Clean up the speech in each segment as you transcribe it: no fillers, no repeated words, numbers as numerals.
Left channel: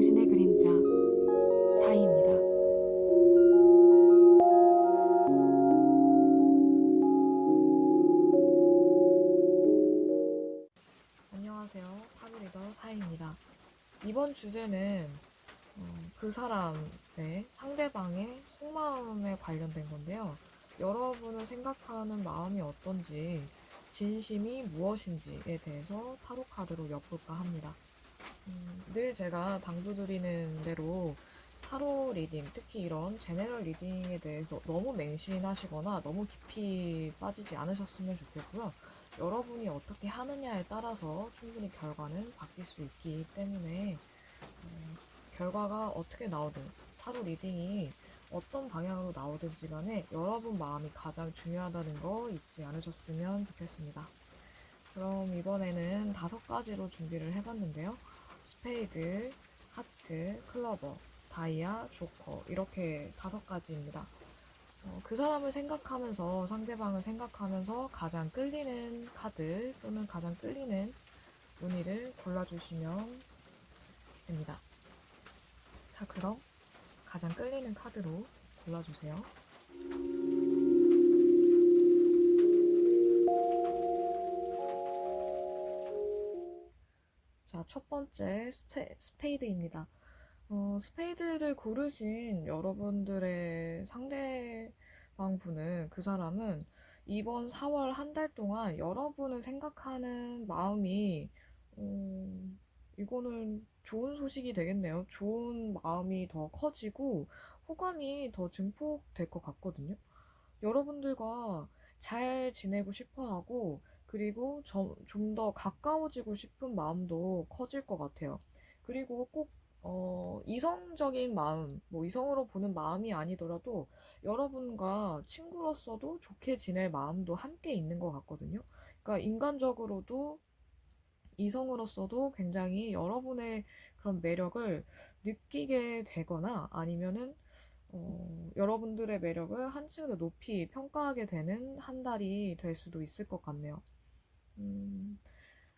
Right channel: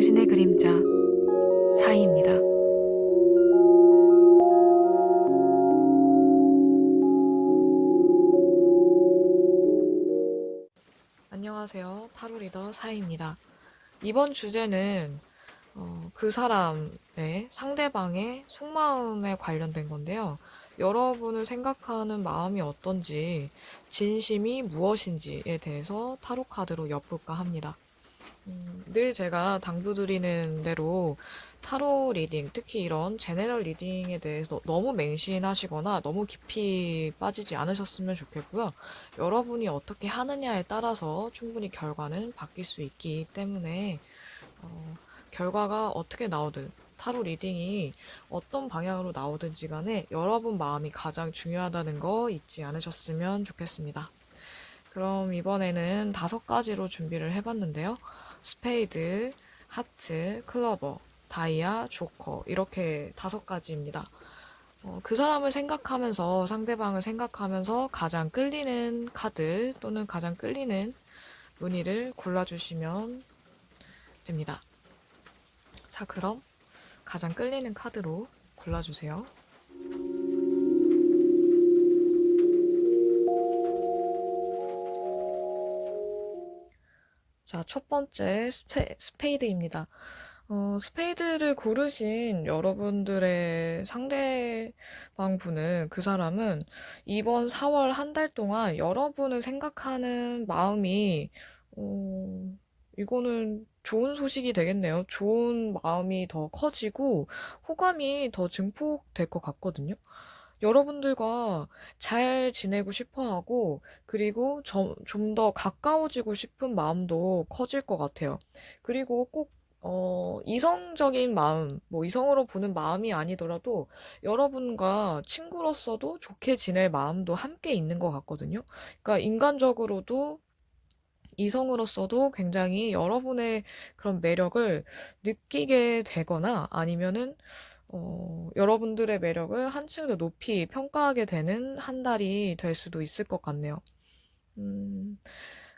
당신의 그림자 사이입니다. 안녕하세요. 타로 리더 사이입니다. 이번 주제는 그 사람의 상대방의 속마음에 관련된 건데요. 여러분을 생각하는 마음이 어떤지, 진심이 무엇인지에 대해서 타로 카드로 엿볼까 합니다. 늘 제가 당부드리는 대로 타로 리딩, 특히 이런 제네럴 리딩에 대해서 너무 맹신하시거나 너무 깊이 빠지지 않으셨으면 좋겠고요. 여러분이 어떻게 하느냐에 따라서 충분히 결과는 바뀔 수 있기 때문에 결과가 어떻게 나오든 타로 리딩이 어떤 방향으로 나오든지 간에 여러분 마음이 가장 중요하다는 거 잊지 않으셨으면 좋겠습니다. 그럼 이번에는 5가지로 준비를 해봤는데요. 스페이드, 하트, 클러버, 다이아, 조커 이렇게 5가지입니다. 그 사람을 생각하면서 상대방을 생각하면서 가장 끌리는 카드 또는 가장 끌리는 무늬를 골라주시면 됩니다. 자, 그럼 가장 끌리는 카드로 골라주세요. 자, 첫 번째 스페이드입니다. 스페이드를 고르신 여러분들의 상대방 분은, 그 사람은 이번 4월 한 달 동안 여러분을 생각하는 마음이, 이거는 좋은 소식이 되겠네요. 좋은 마음이 더 커지고 호감이 더 증폭될 것 같거든요. 여러분들과 잘 지내고 싶어 하고, 그리고 좀 더 가까워지고 싶은 마음도 커질 것 같아요. 그리고 꼭 이성적인 마음, 뭐 이성으로 보는 마음이 아니더라도 여러분과 친구로서도 좋게 지낼 마음도 함께 있는 것 같거든요. 그러니까 인간적으로도 이성으로서도 굉장히 여러분의 그런 매력을 느끼게 되거나 아니면은 여러분들의 매력을 한층 더 높이 평가하게 되는 한 달이 될 수도 있을 것 같네요. 음,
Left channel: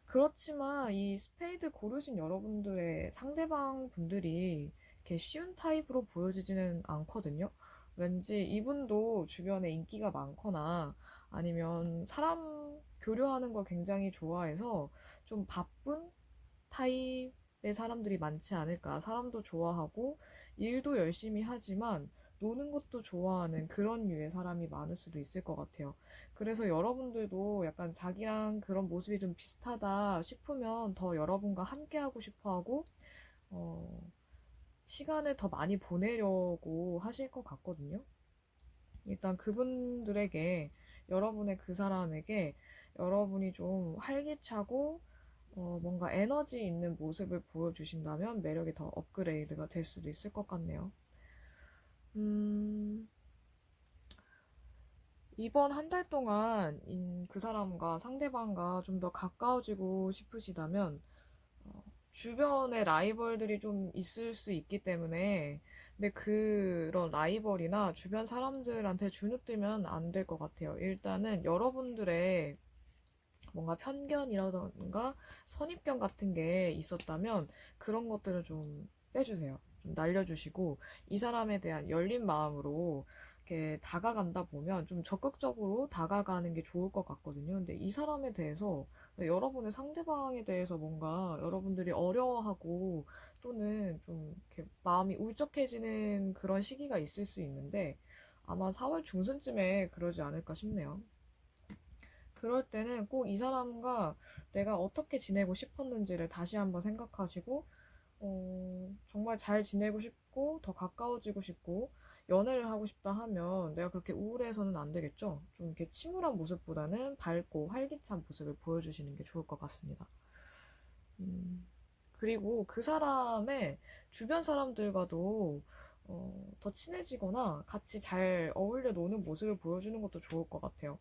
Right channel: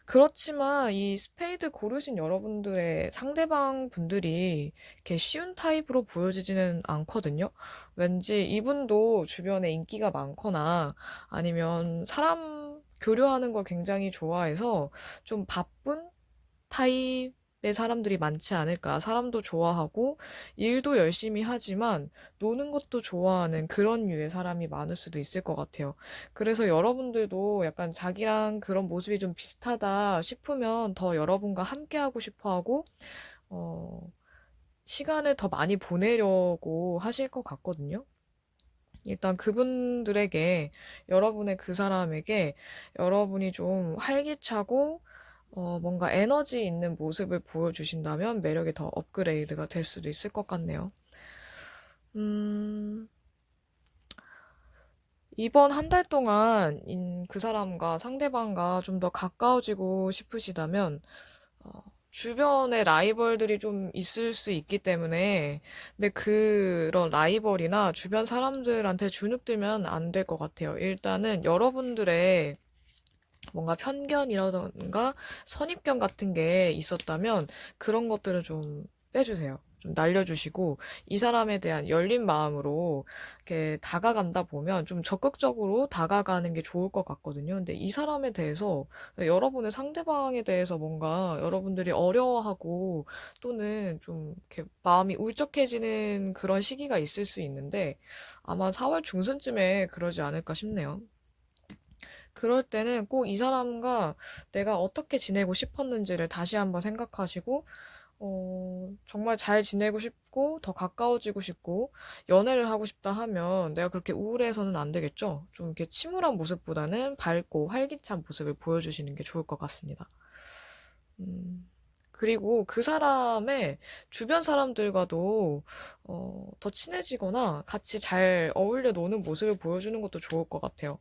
그렇지만 이 스페이드 고르신 여러분들의 상대방 분들이 이렇게 쉬운 타입으로 보여지지는 않거든요. 왠지 이분도 주변에 인기가 많거나 아니면 사람 교류하는 걸 굉장히 좋아해서 좀 바쁜 타입의 사람들이 많지 않을까. 사람도 좋아하고 일도 열심히 하지만 노는 것도 좋아하는 그런 류의 사람이 많을 수도 있을 것 같아요. 그래서 여러분들도 약간 자기랑 그런 모습이 좀 비슷하다 싶으면 더 여러분과 함께하고 싶어 하고, 어, 시간을 더 많이 보내려고 하실 것 같거든요. 일단 그분들에게, 여러분의 그 사람에게 여러분이 좀 활기차고 뭔가 에너지 있는 모습을 보여주신다면 매력이 더 업그레이드가 될 수도 있을 것 같네요. 음, 이번 한 달 동안 그 사람과 상대방과 좀 더 가까워지고 싶으시다면 주변에 라이벌들이 좀 있을 수 있기 때문에, 근데 그런 라이벌이나 주변 사람들한테 주눅들면 안 될 것 같아요. 일단은 여러분들의 뭔가 편견이라던가 선입견 같은 게 있었다면 그런 것들을 좀 빼주세요. 좀 날려주시고 이 사람에 대한 열린 마음으로 이렇게 다가간다 보면 좀 적극적으로 다가가는 게 좋을 것 같거든요. 근데 이 사람에 대해서, 여러분의 상대방에 대해서 뭔가 여러분들이 어려워하고 또는 좀 이렇게 마음이 울적해지는 그런 시기가 있을 수 있는데 아마 4월 중순쯤에 그러지 않을까 싶네요. 그럴 때는 꼭 이 사람과 내가 어떻게 지내고 싶었는지를 다시 한번 생각하시고, 정말 잘 지내고 싶고, 더 가까워지고 싶고, 연애를 하고 싶다 하면 내가 그렇게 우울해서는 안 되겠죠? 좀 이렇게 침울한 모습보다는 밝고 활기찬 모습을 보여주시는 게 좋을 것 같습니다. 그리고 그 사람의 주변 사람들과도 더 친해지거나 같이 잘 어울려 노는 모습을 보여주는 것도 좋을 것 같아요.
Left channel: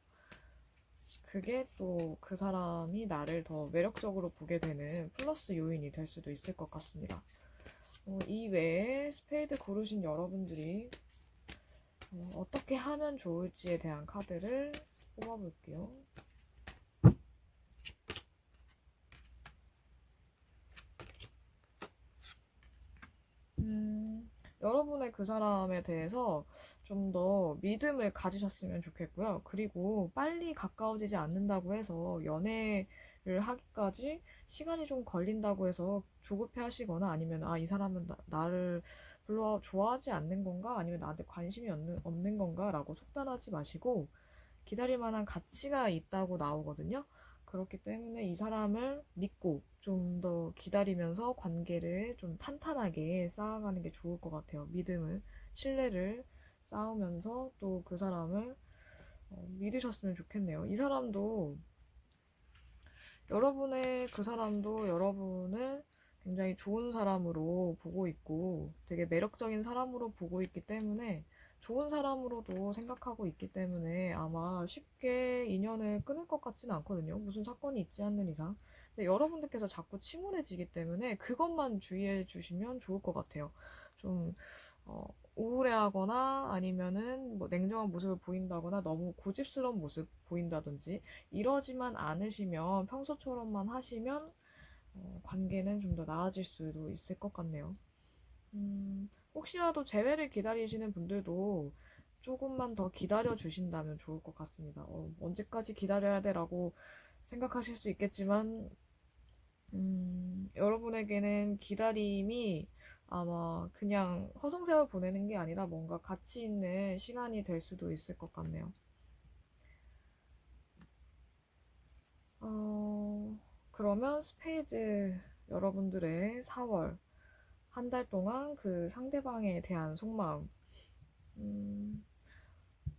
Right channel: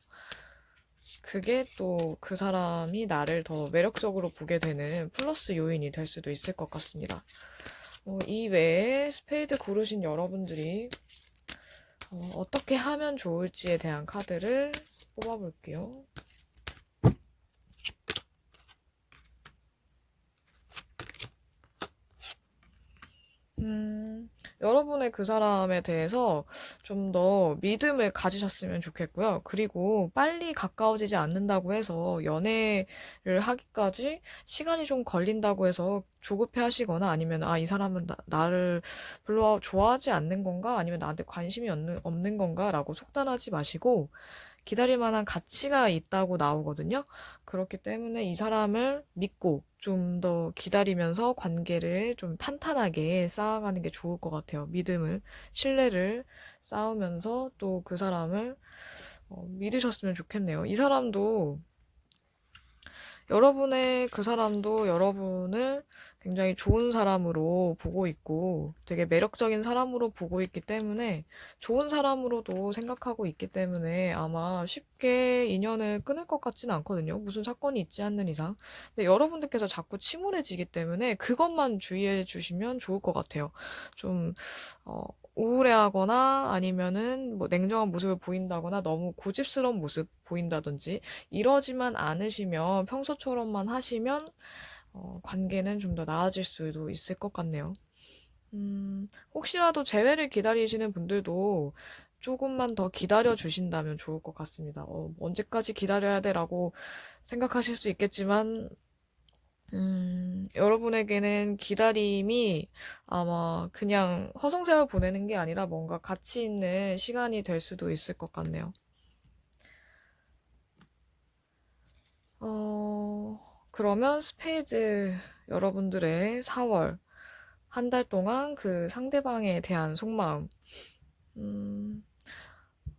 그게 또 그 사람이 나를 더 매력적으로 보게 되는 플러스 요인이 될 수도 있을 것 같습니다. 이 외에 스페이드 고르신 여러분들이 어떻게 하면 좋을지에 대한 카드를 뽑아볼게요. 여러분의 그 사람에 대해서 좀 더 믿음을 가지셨으면 좋겠고요. 그리고 빨리 가까워지지 않는다고 해서 연애를 하기까지 시간이 좀 걸린다고 해서 조급해 하시거나 아니면 이 사람은 나를 별로 좋아하지 않는 건가? 아니면 나한테 관심이 없는 건가? 라고 속단하지 마시고 기다릴 만한 가치가 있다고 나오거든요. 그렇기 때문에 이 사람을 믿고 좀 더 기다리면서 관계를 좀 탄탄하게 쌓아가는 게 좋을 것 같아요. 믿음을, 신뢰를 쌓으면서 또 그 사람을 믿으셨으면 좋겠네요. 이 사람도 그 사람도 여러분을 굉장히 좋은 사람으로 보고 있고 되게 매력적인 사람으로 보고 있기 때문에 좋은 사람으로도 생각하고 있기 때문에 아마 쉽게 인연을 끊을 것 같지는 않거든요. 무슨 사건이 있지 않는 이상. 근데 여러분들께서 자꾸 침울해지기 때문에 그것만 주의해 주시면 좋을 것 같아요. 좀, 어, 우울해하거나 아니면은 뭐 냉정한 모습을 보인다거나 너무 고집스러운 모습 보인다든지 이러지만 않으시면 평소처럼만 하시면 관계는 좀 더 나아질 수도 있을 것 같네요. 혹시라도 재회를 기다리시는 분들도 조금만 더 기다려 주신다면 좋을 것 같습니다. 언제까지 기다려야 돼라고 생각하실 수 있겠지만, 여러분에게는 기다림이 아마 그냥 허송세월 보내는 게 아니라 뭔가 가치 있는 시간이 될 수도 있을 것 같네요. 그러면 스페이드 여러분들의 4월 한 달 동안 그 상대방에 대한 속마음 음,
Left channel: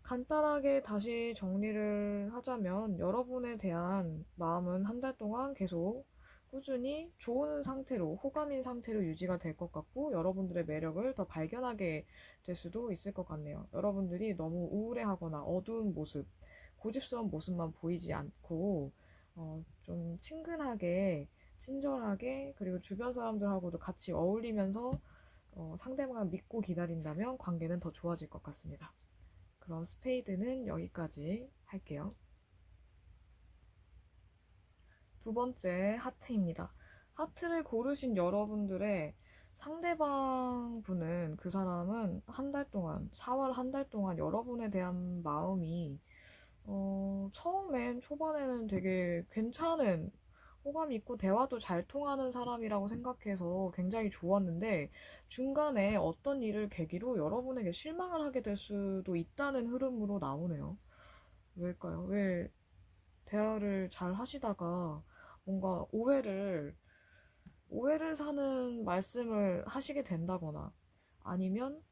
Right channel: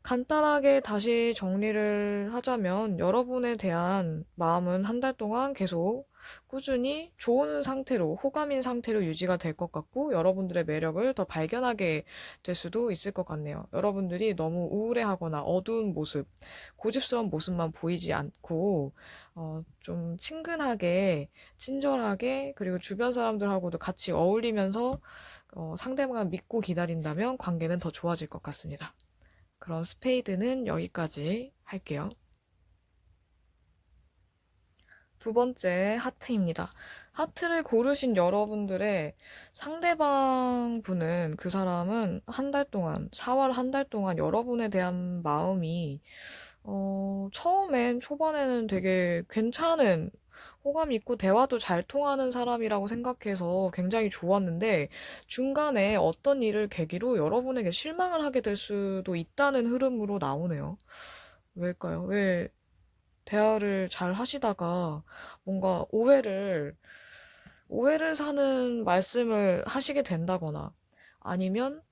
간단하게 다시 정리를 하자면 여러분에 대한 마음은 한 달 동안 계속 꾸준히 좋은 상태로 호감인 상태로 유지가 될 것 같고 여러분들의 매력을 더 발견하게 될 수도 있을 것 같네요. 여러분들이 너무 우울해하거나 어두운 모습, 고집스러운 모습만 보이지 않고 좀 친근하게, 친절하게 그리고 주변 사람들하고도 같이 어울리면서 상대방을 믿고 기다린다면 관계는 더 좋아질 것 같습니다. 그럼 스페이드는 여기까지 할게요. 두 번째 하트입니다. 하트를 고르신 여러분들의 상대방 분은 그 사람은 한 달 동안, 4월 한 달 동안 여러분에 대한 마음이 처음엔 초반에는 되게 괜찮은 호감 있고 대화도 잘 통하는 사람이라고 생각해서 굉장히 좋았는데 중간에 어떤 일을 계기로 여러분에게 실망을 하게 될 수도 있다는 흐름으로 나오네요. 왜일까요? 왜 대화를 잘 하시다가 뭔가 오해를 사는 말씀을 하시게 된다거나 아니면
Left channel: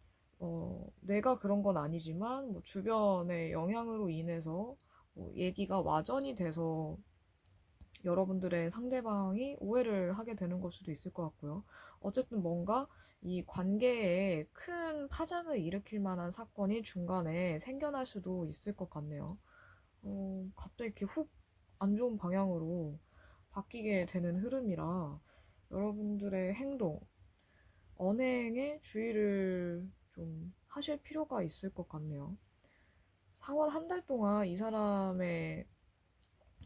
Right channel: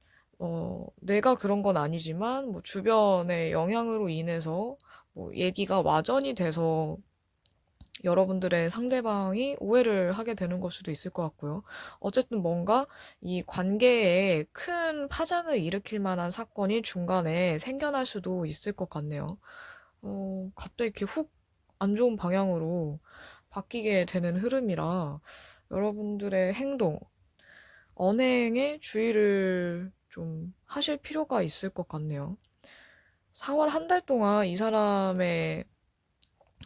내가 그런 건 아니지만 뭐 주변의 영향으로 인해서 뭐 얘기가 와전이 돼서 여러분들의 상대방이 오해를 하게 되는 걸 수도 있을 것 같고요. 어쨌든 뭔가 이 관계에 큰 파장을 일으킬 만한 사건이 중간에 생겨날 수도 있을 것 같네요. 갑자기 이렇게 훅 안 좋은 방향으로 바뀌게 되는 흐름이라 여러분들의 행동, 언행에 주의를 좀 하실 필요가 있을 것 같네요. 4월 한 달 동안 이 사람의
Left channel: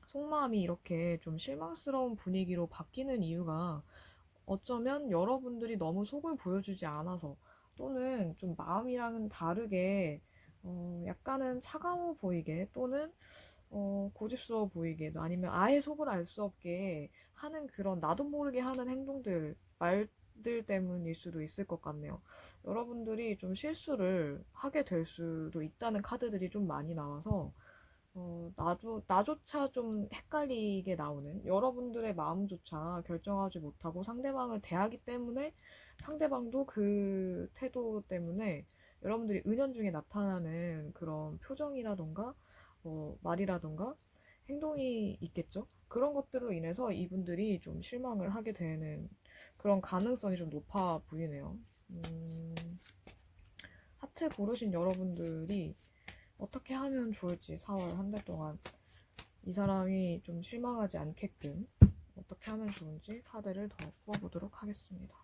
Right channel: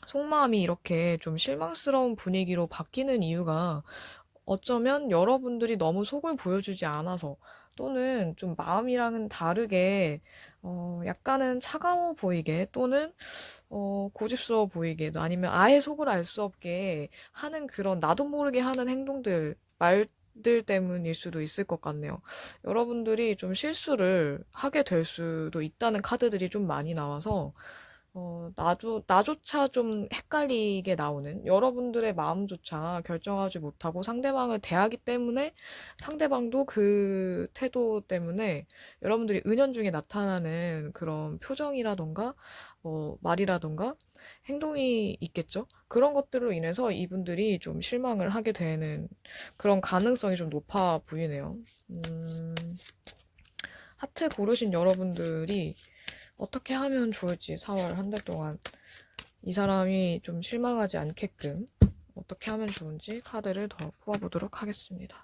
속마음이 이렇게 좀 실망스러운 분위기로 바뀌는 이유가 어쩌면 여러분들이 너무 속을 보여주지 않아서 또는 좀 마음이랑은 다르게 약간은 차가워 보이게 또는 고집스러워 보이게 아니면 아예 속을 알 수 없게 하는 그런 나도 모르게 하는 행동들, 말들 때문일 수도 있을 것 같네요. 여러분들이 좀 실수를 하게 될 수도 있다는 카드들이 좀 많이 나와서 나조차 좀 헷갈리게 나오는 여러분들의 마음조차 결정하지 못하고 상대방을 대하기 때문에 상대방도 그 태도 때문에 여러분들이 은연중에 나타나는 그런 표정이라던가 말이라던가 행동이 있겠죠? 그런 것들로 인해서 이분들이 좀 실망을 하게 되는 그런 가능성이 좀 높아 보이네요. 하트 고르신 여러분들이 어떻게 하면 좋을지 4월 한 달 동안 이 사람이 좀 실망하지 않게끔 어떻게 하면 좋은지 카드를 더 뽑아보도록 하겠습니다.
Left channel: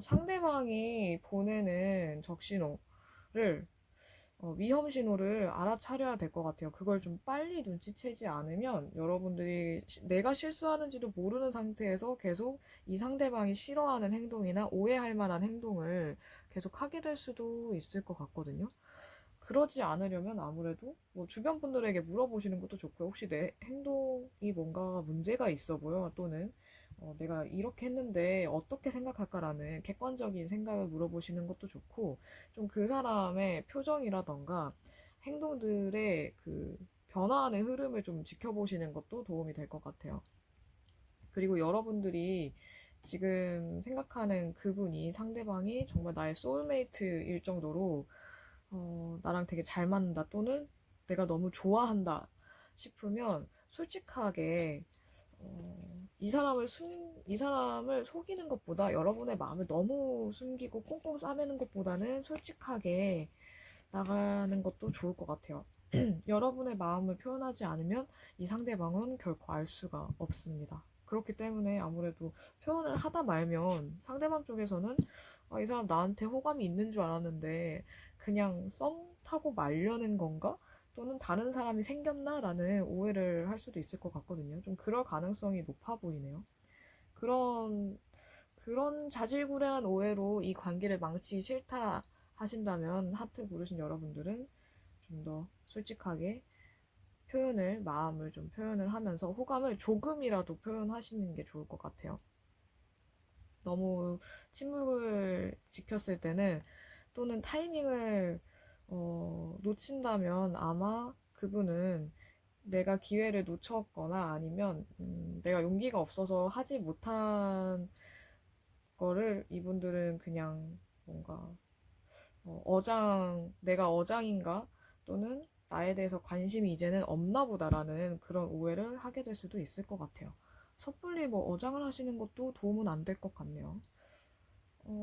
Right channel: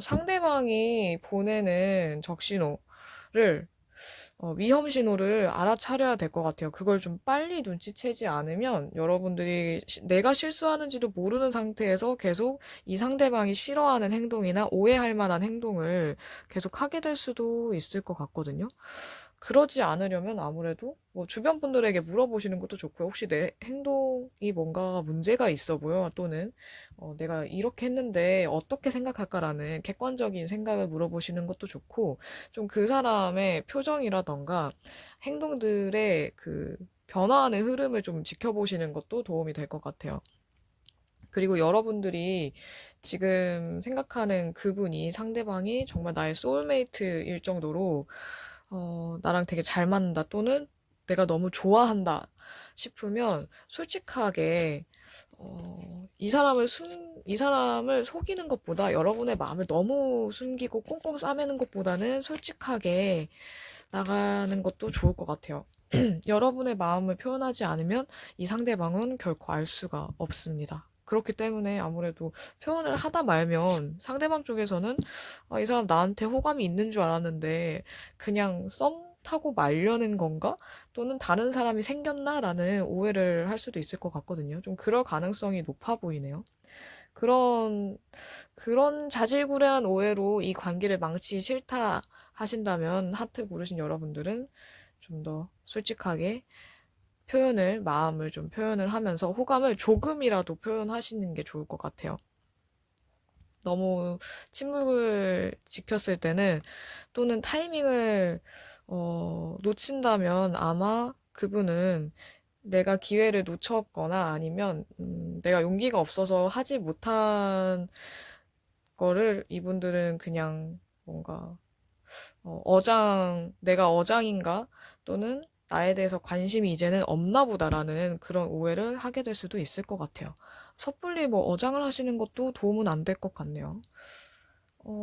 상대방이 보내는 적신호를 위험 신호를 알아차려야 될 것 같아요. 그걸 좀 빨리 눈치채지 않으면 여러분들이 내가 실수하는지도 모르는 상태에서 계속 이 상대방이 싫어하는 행동이나 오해할 만한 행동을 계속 하게 될 수도 있을 것 같거든요. 그러지 않으려면 아무래도 뭐 주변 분들에게 물어보시는 것도 좋고요. 혹시 내 행동이 뭔가 문제가 있어 보여? 또는 내가 이렇게 했는데 어떻게 생각할까라는 객관적인 생각을 물어보시는 것도 좋고, 좀 그 사람의 표정이라던가 행동들의 그 변화하는 흐름을 좀 지켜보시는 것도 도움이 될 것 같아요. 그리고 여러분들이 지금 생각하는 그분이 상대방이 정말 나의 소울메이트일 정도로 나랑 되게 잘 맞는다 또는 내가 너무 좋아한다 싶으면 솔직하게 이 사람을 속이는 것보다 여러분의 마음을 너무 숨기고 꽁꽁 싸매는 것보다는 솔직하게 나가는 것도 좋을 것 같아요. 여러분의 마음을 표현하지 않으면 이 상대방은 결코 알 수가 없습니다. 그렇기 때문에 아무래도 표현을 하다 말면 상대방 쪽에서는 이 사람 나한테 호감이 있는 줄 알았는데 그냥 썸 타고 말려는 건가? 또는 다른 사람이 생겼나라는 오해를 할 수도 있을 것 같거든요. 좀 그럴 가능성이 높아 보이네요. 그런 자질구레한 오해로 이 관계를 망치기 싫다 하신다면 하트 고르신 여러분들은 좀 더 솔직하게 마음을 좀 표현을 하면서 호감을 조금이라도 표현하시는 게 좋을 것 같아요. 너무 침묵을 지켰을 때는 또는 타이밍을 놓친다면 아마 그분은 내가 기회를 놓쳤거나 아니면 내가 용기가 없어서 하지 못한 거를 이분들은 그냥 뭔가 내가 어장인가? 또는 나에 대해서 관심이 이제는 없나 보다라는 그런 오해를 하게 될 수도 있을 것 같아요. 섣불리 뭐 어장을 하시는 것도 도움은 안 될 것 같네요.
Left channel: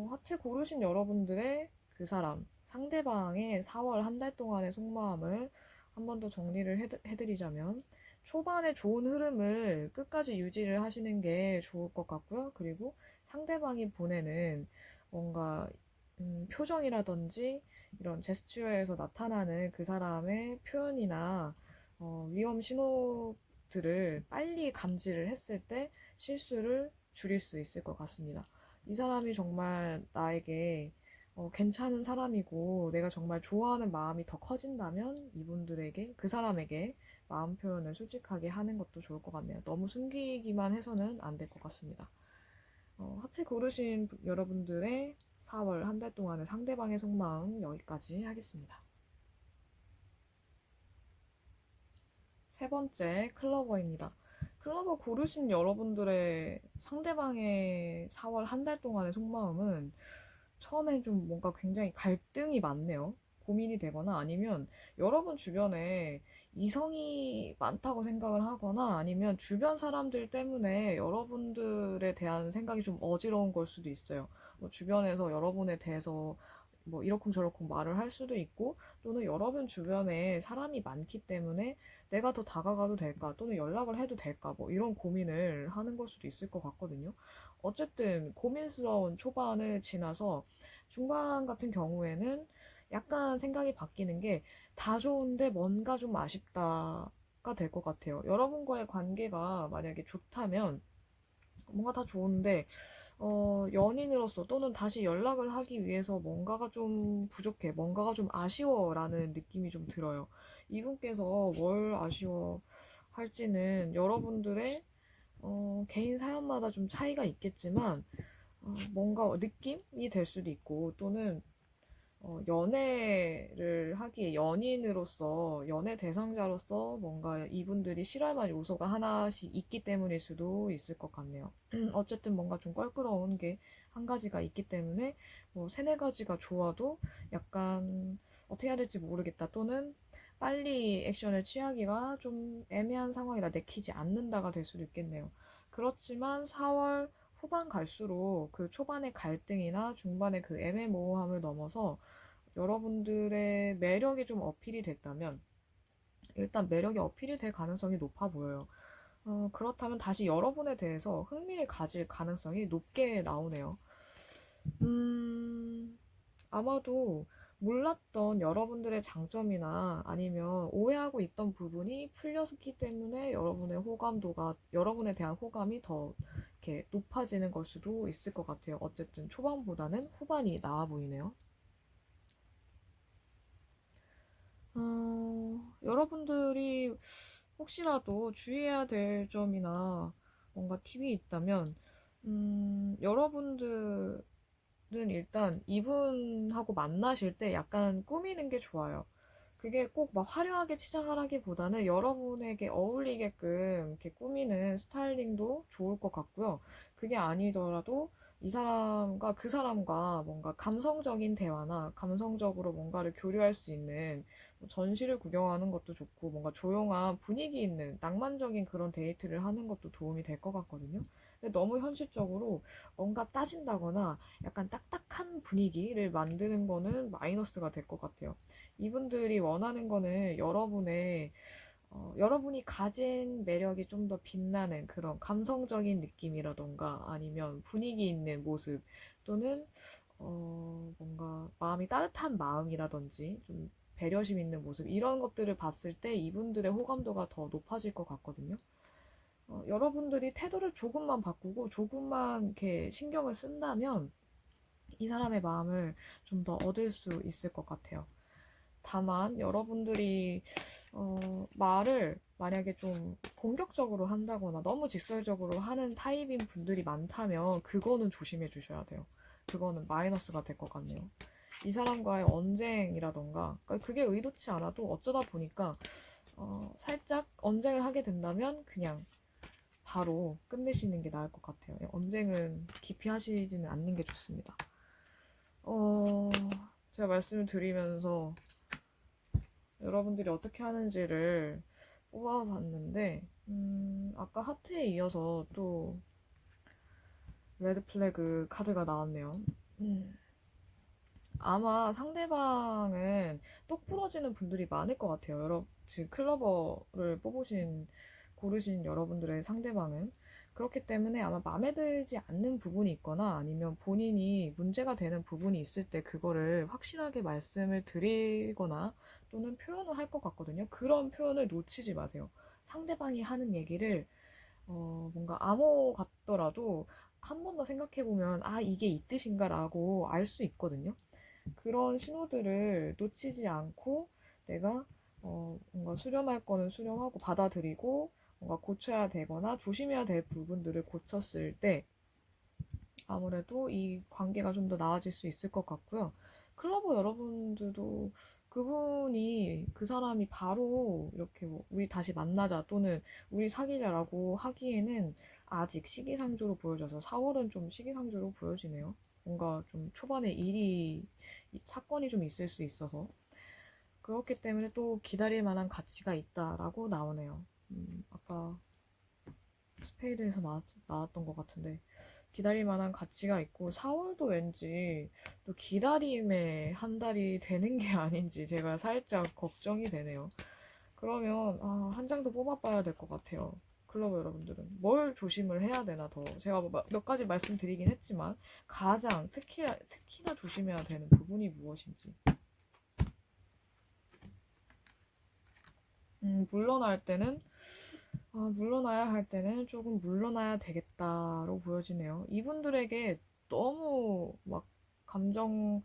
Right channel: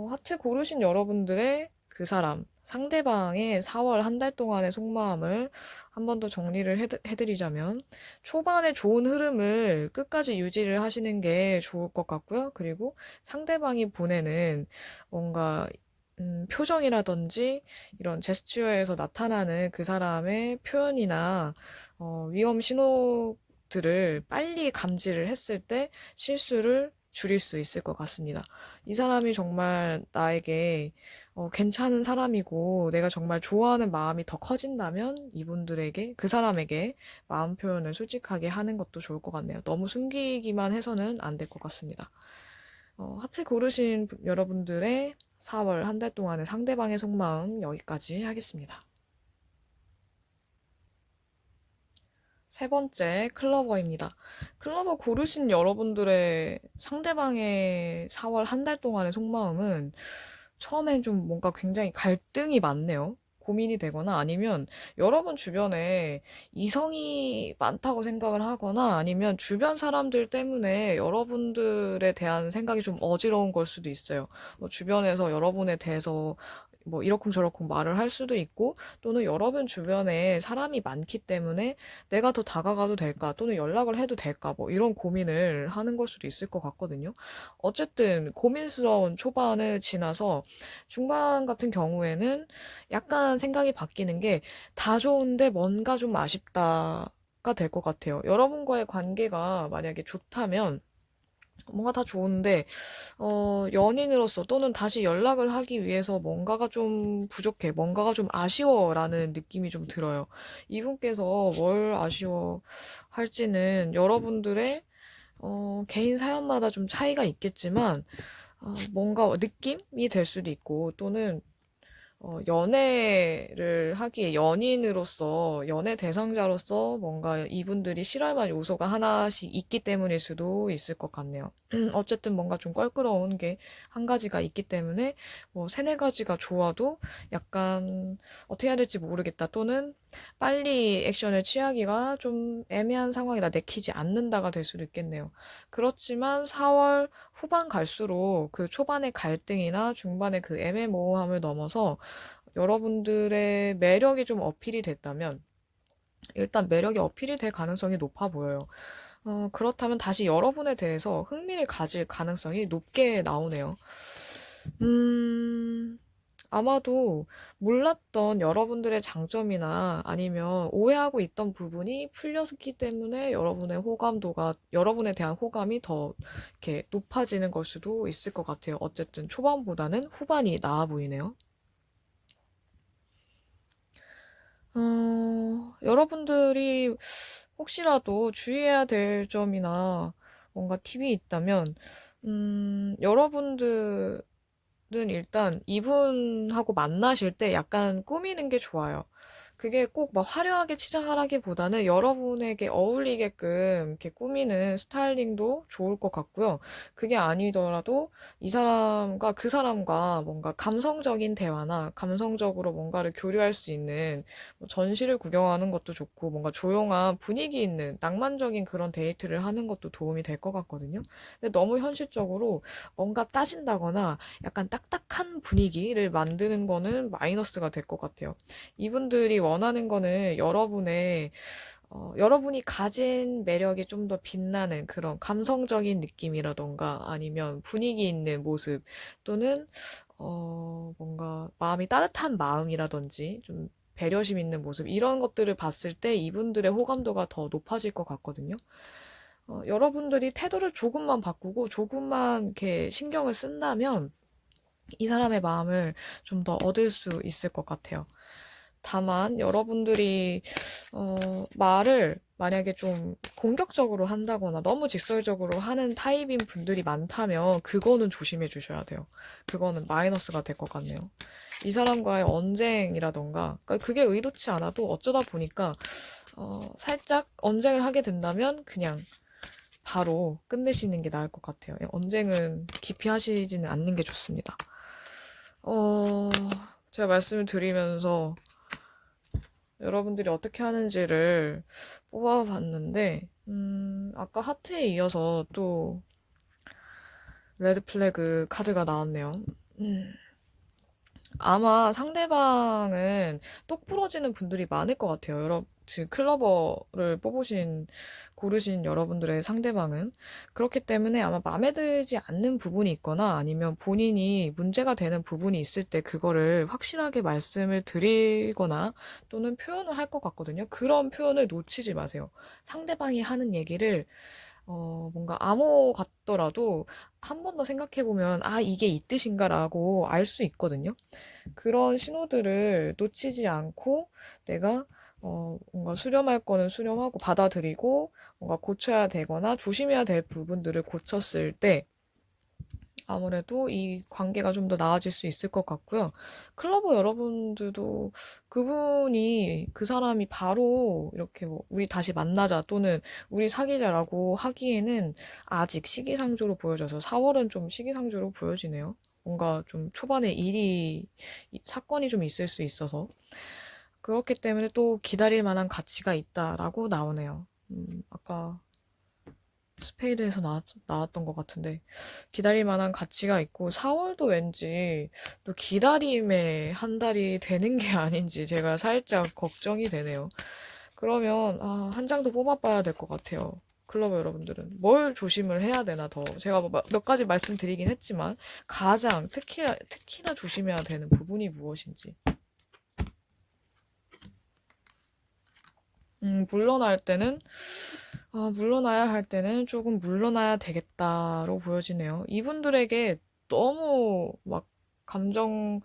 하트 고르신 여러분들의 그 사람, 상대방의 4월 한 달 동안의 속마음을 한 번 더 정리를 해드리자면, 초반에 좋은 흐름을 끝까지 유지를 하시는 게 좋을 것 같고요. 그리고 상대방이 보내는 뭔가, 표정이라든지 이런 제스처에서 나타나는 그 사람의 표현이나, 위험 신호들을 빨리 감지를 했을 때 실수를 줄일 수 있을 것 같습니다. 이 사람이 정말 나에게 괜찮은 사람이고 내가 정말 좋아하는 마음이 더 커진다면 그 사람에게 마음 표현을 솔직하게 하는 것도 좋을 것 같네요. 너무 숨기기만 해서는 안 될 것 같습니다. 하트 고르신 여러분들의 4월 한 달 동안의 상대방의 속마음 여기까지 하겠습니다. 세 번째, 클러버입니다. 클러버 고르신 여러분들의 상대방의 4월 한 달 동안의 속마음은 처음엔 좀 뭔가 굉장히 갈등이 많네요. 고민이 되거나 아니면 여러분 주변에 이성이 많다고 생각을 하거나 아니면 주변 사람들 때문에 여러분들에 대한 생각이 좀 어지러운 걸 수도 있어요. 주변에서 여러분에 대해서 뭐 이러쿵저러쿵 말을 할 수도 있고 또는 여러분 주변에 사람이 많기 때문에 내가 더 다가가도 될까 또는 연락을 해도 될까 뭐 이런 고민을 하는 걸 수도 있을 것 같거든요. 어쨌든 고민스러운 초반을 지나서 중반 같은 경우에는 약간 생각이 바뀌는 게 다 좋은데 뭔가 좀 아쉽다가 될 것 같아요. 여러분과의 관계가 만약에 좋다면 뭔가 다 좋은데 연인으로서 또는 다시 연락을 하기 위해서 뭔가가 좀 부족해, 뭔가가 좀 아쉬워라는 느낌이 좀 들어요. 이분께서 뭘 아쉬워 할지는 여러분들의 개인 사연마다 좀 차이가 있겠지만, 뭔가 느낌이 될 수도 있고, 또는 연애를 하기에 연인으로서, 연애 대상자로서 뭔가 이분들이 싫어할 만한 요소가 하나씩 있기 때문일 수도 있을 것 같네요. 어쨌든 뭔가 좀 껄끄러운 게 한 가지가 있기 때문에 뭐 세네 가지가 좋아도 약간 어떻게 해야 될지 모르겠다 또는 빨리 액션을 취하기가 좀 애매한 상황이다 내키지 않는다가 될 수도 있겠네요. 그렇지만 4월 후반 갈수록 그 초반의 갈등이나 중반의 그 애매모호함을 넘어서 여러분들의 매력이 좀 어필이 됐다면 일단 매력이 어필이 될 가능성이 높아 보여요. 그렇다면 다시 여러분에 대해서 흥미를 가질 가능성이 높게 나오네요. 음, 아마도 몰랐던 여러분들의 장점이나 아니면 오해하고 있던 부분이 풀렸기 때문에 여러분에 대한 호감이 더 이렇게 높아지는 걸 수도 있을 것 같아요. 어쨌든 초반보다는 후반이 나아 보이네요. 여러분들이 혹시라도 주의해야 될 점이나 뭔가 팁이 있다면, 여러분들은 일단 이분하고 만나실 때 약간 꾸미는 게 좋아요. 그게 꼭 막 화려하게 치장하라기보다는 여러분에게 어울리게끔 이렇게 꾸미는 스타일링도 좋을 것 같고요. 그게 아니더라도 그 사람과 뭔가 감성적인 대화나 감성적으로 뭔가를 교류할 수 있는 뭐 전시를 구경하는 것도 좋고 뭔가 조용한 분위기 있는 낭만적인 그런 데이트를 하는 것도 도움이 될 것 같거든요. 근데 너무 현실적으로 뭔가 따진다거나 약간 딱딱한 분위기를 만드는 거는 마이너스가 될 것 같아요. 이분들이 원하는 거는 여러분이 가진 매력이 좀 더 빛나는 그런 감성적인 느낌이라던가 아니면 분위기 있는 모습 또는 뭔가 마음이 따뜻한 마음이라든지 좀 배려심 있는 모습 이런 것들을 봤을 때 이분들의 호감도가 더 높아질 것 같거든요. 여러분들이 태도를 조금만 바꾸고 조금만 이렇게 신경을 쓴다면 이 사람의 마음을 좀 더 얻을 수 있을 것 같아요. 다만 여러분들이 말을 만약에 좀 공격적으로 한다거나 너무 직설적으로 하는 타입인 분들이 많다면 그거는 조심해 주셔야 돼요. 그거는 마이너스가 될 것 같네요. 이 사람과의 언쟁이라던가 그러니까 그게 의도치 않아도 어쩌다 보니까 살짝 언쟁을 하게 된다면 그냥 바로 끝내시는 게 나을 것 같아요. 언쟁은 깊이 하시지는 않는 게 좋습니다. 어, 제가 말씀을 드리면서 여러분들이 어떻게 하는지를 뽑아봤는데, 아까 하트에 이어서 또 레드 플래그 카드가 나왔네요. 음, 아마 상대방은 똑 부러지는 분들이 많을 것 같아요. 지금 클로버를 고르신 여러분들의 상대방은. 그렇기 때문에 아마 마음에 들지 않는 부분이 있거나 아니면 본인이 문제가 되는 부분이 있을 때 그거를 확실하게 말씀을 드리거나 또는 표현을 할 것 같거든요. 그런 표현을 놓치지 마세요. 상대방이 하는 얘기를 뭔가 암호 같더라도 한 번 더 생각해보면, 아, 이게 이 뜻인가라고 알 수 있거든요. 그런 신호들을 놓치지 않고 내가 뭔가 수렴할 거는 수렴하고 받아들이고 뭔가 고쳐야 되거나 조심해야 될 부분들을 고쳤을 때 아무래도 이 관계가 좀 더 나아질 수 있을 것 같고요. 클로버 여러분들도 그 사람이 바로 이렇게 뭐 우리 다시 만나자 또는 우리 사귀자라고 하기에는 아직 시기상조로 보여져서 4월은 좀 시기상조로 보여지네요. 뭔가 좀 초반에 사건이 좀 있을 수 있어서. 그렇기 때문에 또 기다릴 만한 가치가 있다라고 나오네요. 아까 스페이드에서 나왔던 것 같은데 기다릴 만한 가치가 있고 4월도 왠지 또 기다림의 한 달이 되는 게 아닌지 제가 살짝 걱정이 되네요. 그러면 한 장 더 뽑아봐야 될 것 같아요. 클로버 여러분들은 뭘 조심을 해야 되나 더 제가 뭐몇 가지 말씀드리긴 했지만 가장 특히나 조심해야 되는 부분이 무엇인지 물러날 때는 물러나야 할 때는 조금 물러나야 되겠다로 보여지네요. 이분들에게 너무 막 감정,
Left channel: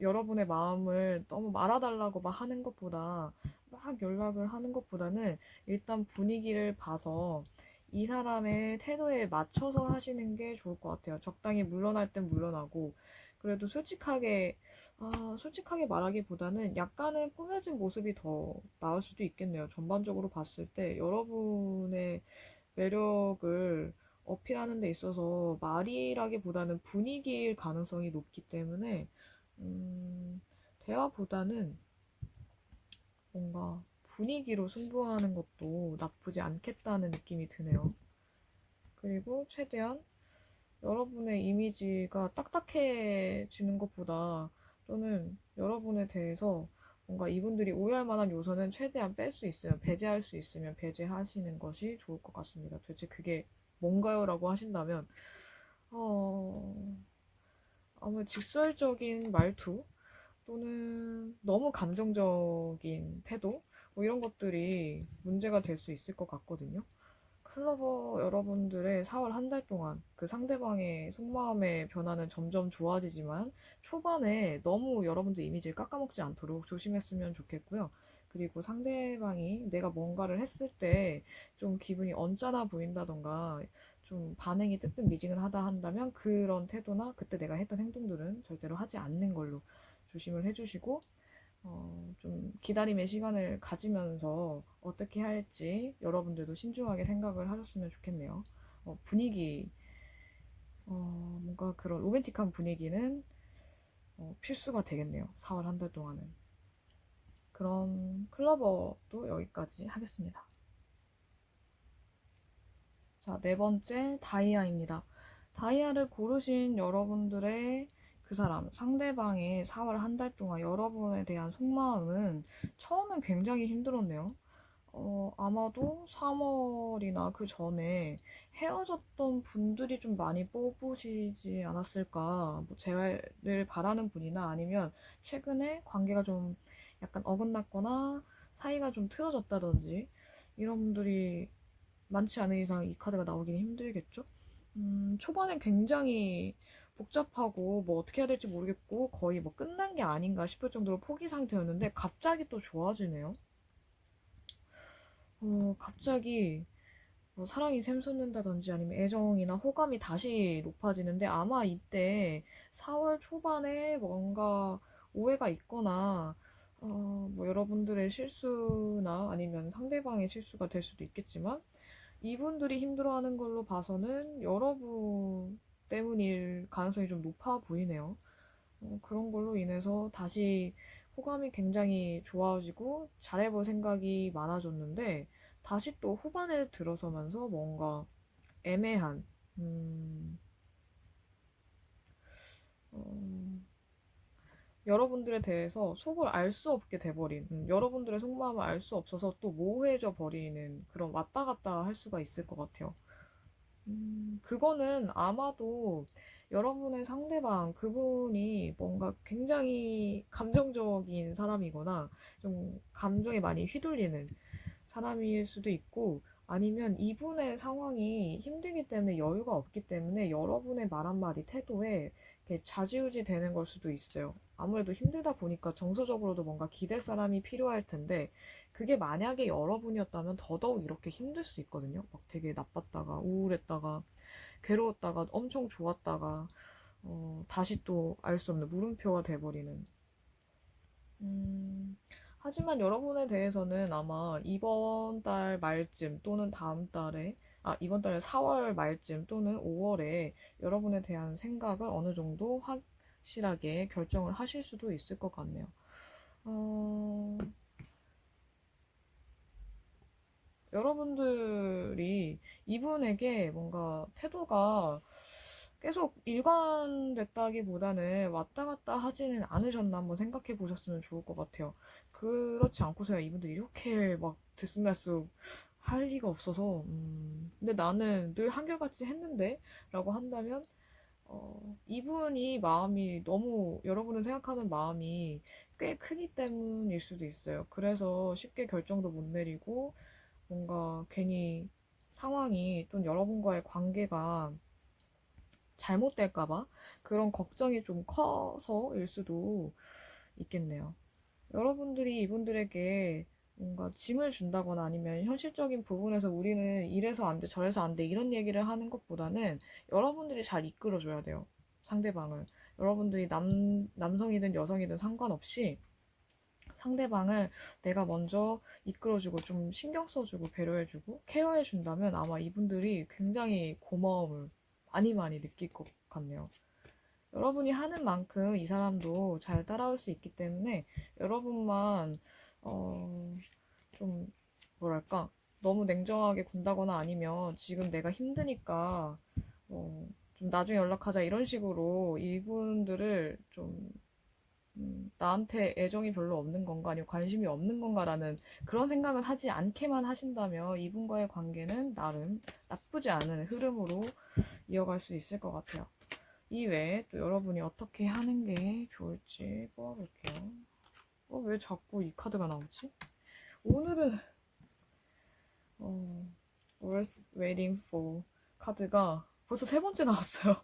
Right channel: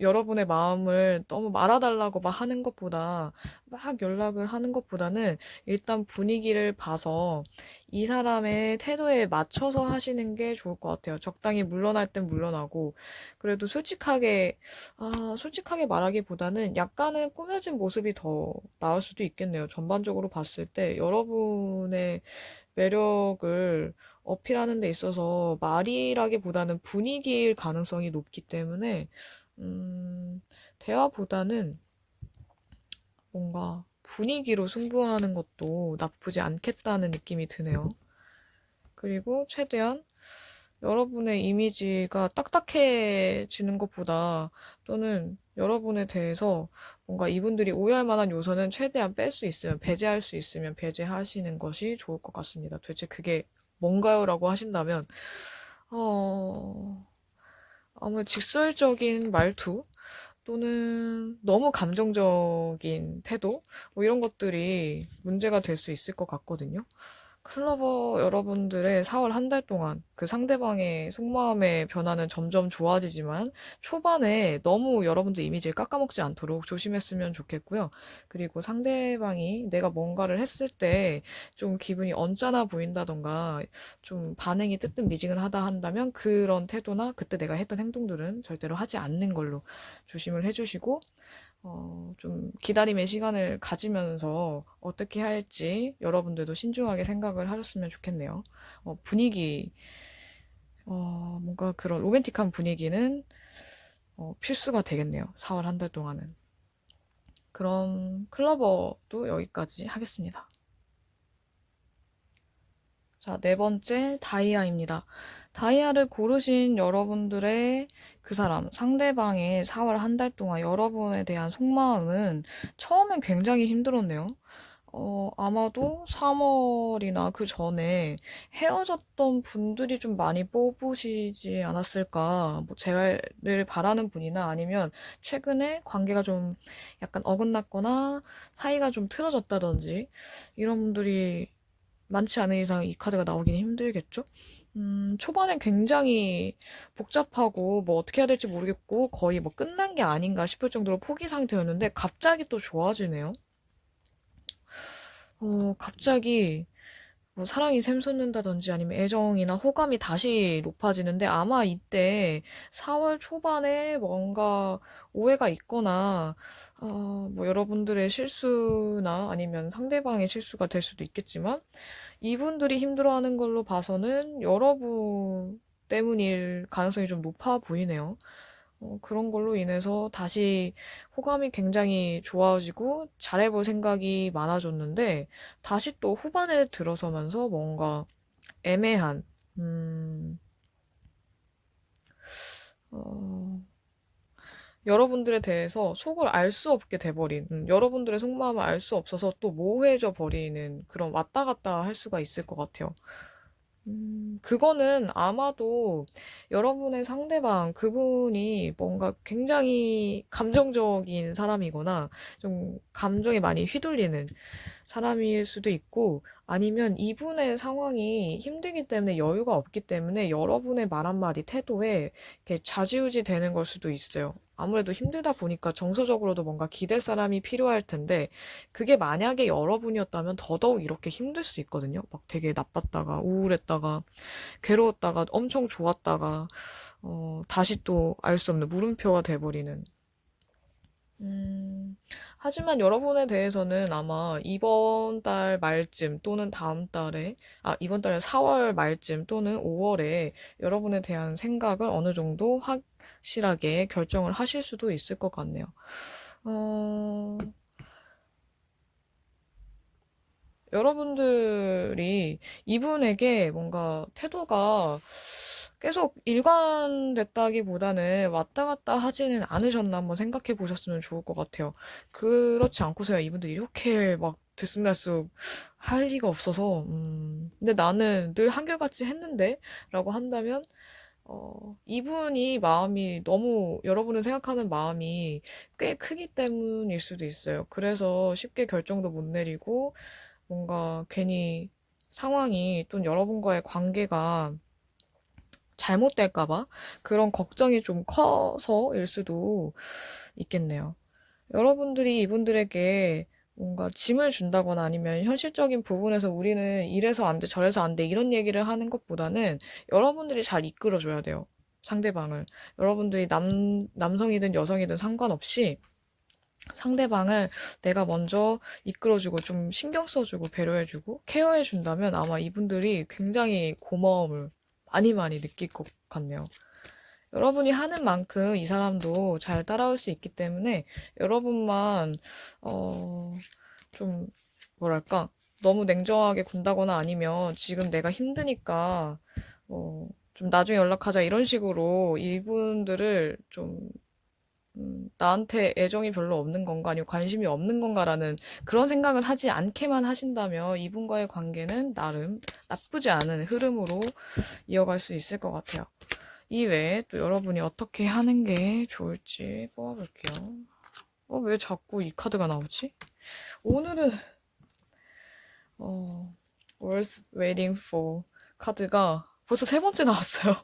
여러분의 마음을 너무 말아달라고 막 하는 것보다, 막 연락을 하는 것보다는 일단 분위기를 봐서 이 사람의 태도에 맞춰서 하시는 게 좋을 것 같아요. 적당히 물러날 땐 물러나고, 그래도 솔직하게 말하기보다는 약간은 꾸며진 모습이 더 나을 수도 있겠네요. 전반적으로 봤을 때 여러분의 매력을 어필하는 데 있어서 말이라기보다는 분위기일 가능성이 높기 때문에 대화보다는 뭔가 분위기로 승부하는 것도 나쁘지 않겠다는 느낌이 드네요. 그리고 최대한 여러분의 이미지가 딱딱해지는 것보다 또는 여러분에 대해서 뭔가 이분들이 오해할 만한 요소는 최대한 뺄 수 있으면 배제할 수 있으면 배제하시는 것이 좋을 것 같습니다. 도대체 그게 뭔가요? 라고 하신다면 어... 아무래도 직설적인 말투 또는 너무 감정적인 태도 뭐 이런 것들이 문제가 될 수 있을 것 같거든요. 클로버 여러분들의 4월 한 달 동안 그 상대방의 속마음의 변화는 점점 좋아지지만 초반에 너무 여러분들 이미지를 깎아먹지 않도록 조심했으면 좋겠고요. 그리고 상대방이 내가 뭔가를 했을 때 좀 기분이 언짢아 보인다던가 좀 반응이 뜨뜻미지근하다 한다면 그런 태도나 그때 내가 했던 행동들은 절대로 하지 않는 걸로 조심을 해주시고 좀 기다림의 시간을 가지면서 어떻게 할지 여러분들도 신중하게 생각을 하셨으면 좋겠네요. 분위기, 뭔가 그런 로맨틱한 분위기는 필수가 되겠네요. 4월 한 달 동안은. 그럼 클로버도 여기까지 하겠습니다. 자, 네 번째 다이아입니다. 다이아를 고르신 여러분들의 그 사람, 상대방의 4월 한 달 동안 여러분에 대한 속마음은 처음엔 굉장히 힘들었네요. 아마도 3월이나 그 전에 헤어졌던 분들이 좀 많이 뽑으시지 않았을까. 뭐, 재회를 바라는 분이나 아니면 최근에 관계가 좀 약간 어긋났거나 사이가 좀 틀어졌다든지 이런 분들이 많지 않은 이상 이 카드가 나오기는 힘들겠죠? 초반엔 굉장히 복잡하고 뭐 어떻게 해야 될지 모르겠고 거의 뭐 끝난 게 아닌가 싶을 정도로 포기 상태였는데 갑자기 또 좋아지네요. 갑자기 뭐 사랑이 샘솟는다든지 아니면 애정이나 호감이 다시 높아지는데 아마 이때 4월 초반에 뭔가 오해가 있거나 뭐 여러분들의 실수나 아니면 상대방의 실수가 될 수도 있겠지만 이분들이 힘들어하는 걸로 봐서는 여러분 때문일 가능성이 좀 높아 보이네요. 그런 걸로 인해서 다시 호감이 굉장히 좋아지고 잘해볼 생각이 많아졌는데 다시 또 후반에 들어서면서 뭔가 애매한, 음, 어, 여러분들에 대해서 속을 알 수 없게 돼버린, 여러분들의 속마음을 알 수 없어서 또 모호해져 버리는 그런 왔다 갔다 할 수가 있을 것 같아요. 그거는 아마도 여러분의 상대방, 그분이 뭔가 굉장히 감정적인 사람이거나 좀 감정에 많이 휘둘리는 사람일 수도 있고 아니면 이분의 상황이 힘들기 때문에 여유가 없기 때문에 여러분의 말 한마디 태도에 이렇게 좌지우지 되는 걸 수도 있어요. 아무래도 힘들다 보니까 정서적으로도 뭔가 기댈 사람이 필요할 텐데 그게 만약에 여러분이었다면 더더욱 이렇게 힘들 수 있거든요. 막 되게 나빴다가 우울했다가 괴로웠다가 엄청 좋았다가 다시 또 알 수 없는 물음표가 돼버리는. 음, 하지만 여러분에 대해서는 아마 이번 달 말쯤 또는 다음 달에, 이번 달 4월 말쯤 또는 5월에 여러분에 대한 생각을 어느 정도 확실하게 결정을 하실 수도 있을 것 같네요. 어, 여러분들이 이분에게 뭔가 태도가 계속 일관됐다기보다는 왔다 갔다 하지는 않으셨나 한번 생각해 보셨으면 좋을 것 같아요. 그렇지 않고서야 이분들이 이렇게 막 들쑥날쑥 할 리가 없어서, 근데 나는 늘 한결같이 했는데? 라고 한다면, 이분이 마음이 너무 여러분을 생각하는 마음이 꽤 크기 때문일 수도 있어요. 그래서 쉽게 결정도 못 내리고, 뭔가 괜히 상황이 또는 여러분과의 관계가 잘못될까봐 그런 걱정이 좀 커서일 수도 있겠네요. 여러분들이 이분들에게 뭔가 짐을 준다거나 아니면 현실적인 부분에서 우리는 이래서 안 돼, 저래서 안 돼, 이런 얘기를 하는 것보다는 여러분들이 잘 이끌어줘야 돼요. 상대방을. 여러분들이 남성이든 여성이든 상관없이 상대방을 내가 먼저 이끌어주고 좀 신경 써주고 배려해주고 케어해준다면 아마 이분들이 굉장히 고마움을 많이 많이 느낄 것 같네요. 여러분이 하는 만큼 이 사람도 잘 따라올 수 있기 때문에 여러분만 어, 좀 뭐랄까 너무 냉정하게 군다거나 아니면 지금 내가 힘드니까 좀 나중에 연락하자 이런 식으로 이분들을 좀 나한테 애정이 별로 없는 건가, 아니면 관심이 없는 건가라는 그런 생각을 하지 않게만 하신다면 이분과의 관계는 나름 나쁘지 않은 흐름으로 이어갈 수 있을 것 같아요. 이 외에 또 여러분이 어떻게 하는 게 좋을지 뽑아볼게요. 왜 자꾸 이 카드가 나오지? 오늘은 Worth Waiting For 카드가 벌써 세 번째 나왔어요.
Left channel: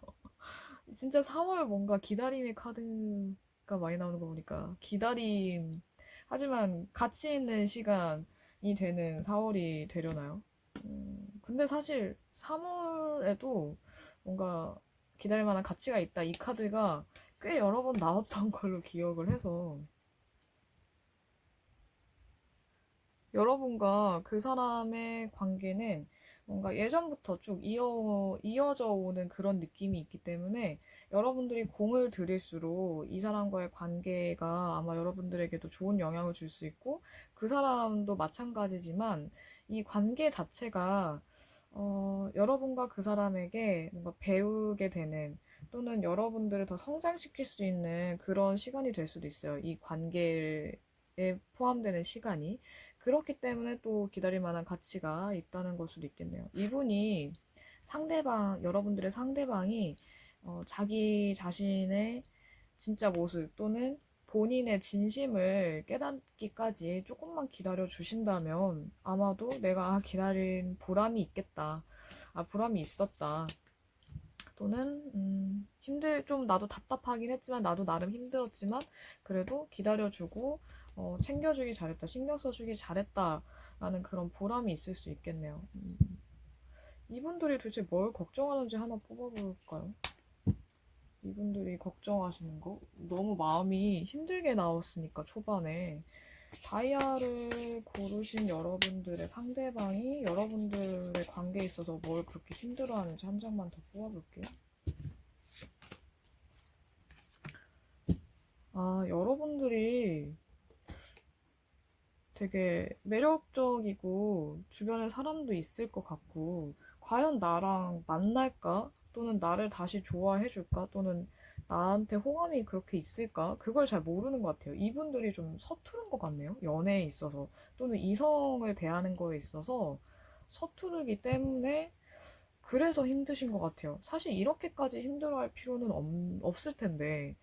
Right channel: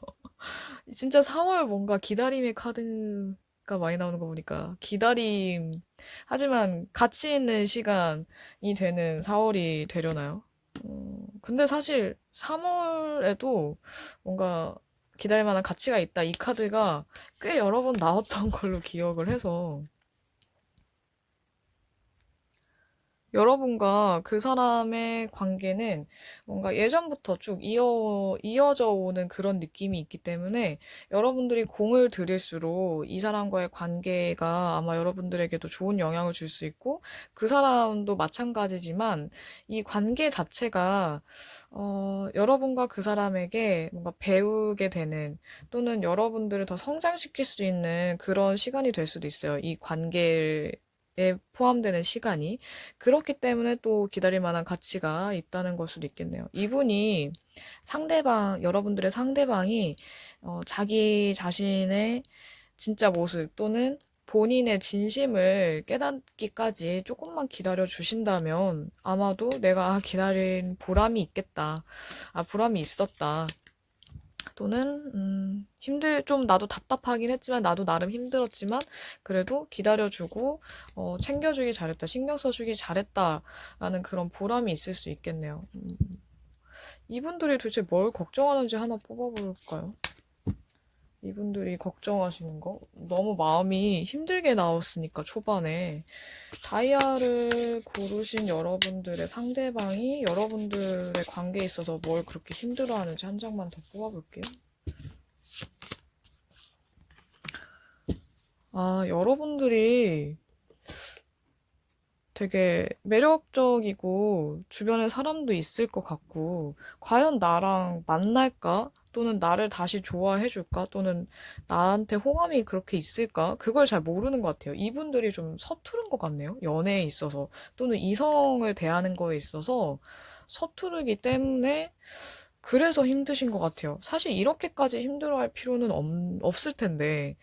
진짜 4월 뭔가 기다림의 카드가 많이 나오는 거 보니까 기다림 하지만 가치 있는 시간이 되는 4월이 되려나요? 근데 사실 3월에도 뭔가 기다릴 만한 가치가 있다. 이 카드가 꽤 여러 번 나왔던 걸로 기억을 해서 여러분과 그 사람의 관계는 뭔가 예전부터 쭉 이어져 오는 그런 느낌이 있기 때문에 여러분들이 공을 들일수록 이 사람과의 관계가 아마 여러분들에게도 좋은 영향을 줄 수 있고 그 사람도 마찬가지지만 이 관계 자체가 여러분과 그 사람에게 뭔가 배우게 되는 또는 여러분들을 더 성장시킬 수 있는 그런 시간이 될 수도 있어요. 이 관계에 포함되는 시간이. 그렇기 때문에 또 기다릴 만한 가치가 있다는 걸 수도 있겠네요. 이분이 여러분들의 상대방이 자기 자신의 진짜 모습 또는 본인의 진심을 깨닫기까지 조금만 기다려 주신다면 아마도 내가 기다린 보람이 있겠다. 보람이 있었다. 또는 좀 나도 답답하긴 했지만 나도 나름 힘들었지만 그래도 기다려주고 챙겨주기 잘했다, 신경 써주기 잘했다라는 그런 보람이 있을 수 있겠네요. 이분들이 도대체 뭘 걱정하는지 하나 뽑아볼까요? 이분들이 걱정하시는 거 너무 마음이 힘들게 나왔으니까 초반에 다이아를 고르신 여러분들의 상대방이 여러분들의 관계에 있어서 뭘 그렇게 힘들어하는지 한 장만 더 뽑아볼게요. 여러분들이 되게 매력적이고 주변에 사람도 있을 것 같고 과연 나랑 만날까? 또는 나를 다시 좋아해 줄까? 또는 나한테 호감이 그렇게 있을까? 그걸 잘 모르는 것 같아요. 이분들이 좀 서투른 것 같네요. 연애에 있어서 또는 이성을 대하는 거에 있어서 서투르기 때문에 그래서 힘드신 것 같아요. 사실 이렇게까지 힘들어할 필요는 없을 텐데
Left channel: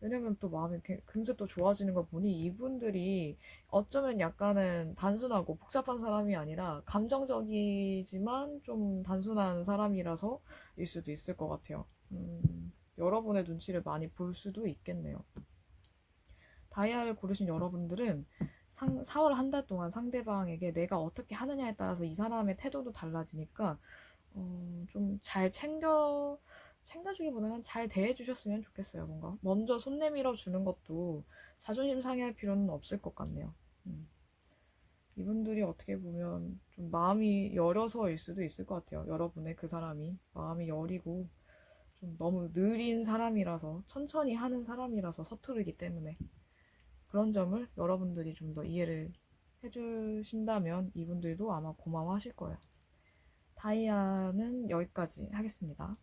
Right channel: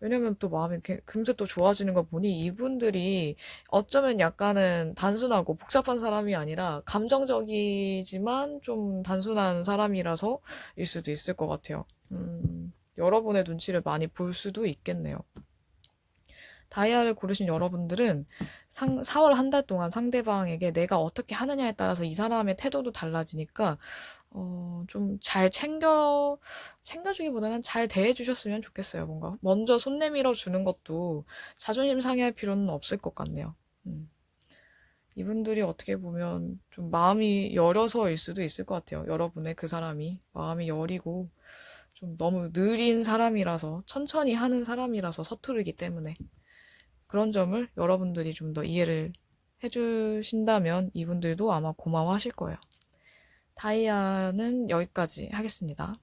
왜냐면 또 마음이 이렇게 금세 또 좋아지는 거 보니 이분들이 어쩌면 약간은 단순하고 복잡한 사람이 아니라 감정적이지만 좀 단순한 사람이라서 일 수도 있을 것 같아요. 여러분의 눈치를 많이 볼 수도 있겠네요. 다이아를 고르신 여러분들은 4월 한 달 동안 상대방에게 내가 어떻게 하느냐에 따라서 이 사람의 태도도 달라지니까 좀 잘 챙겨주기보다는 잘 대해주셨으면 좋겠어요. 뭔가 먼저 손 내밀어 주는 것도 자존심 상해할 필요는 없을 것 같네요. 음. 이분들이 어떻게 보면 좀 마음이 여려서일 수도 있을 것 같아요. 여러분의 그 사람이 마음이 여리고 좀 너무 느린 사람이라서 천천히 하는 사람이라서 서투르기 때문에 그런 점을 여러분들이 좀 더 이해를 해주신다면 이분들도 아마 고마워하실 거예요. 다이아는 여기까지 하겠습니다.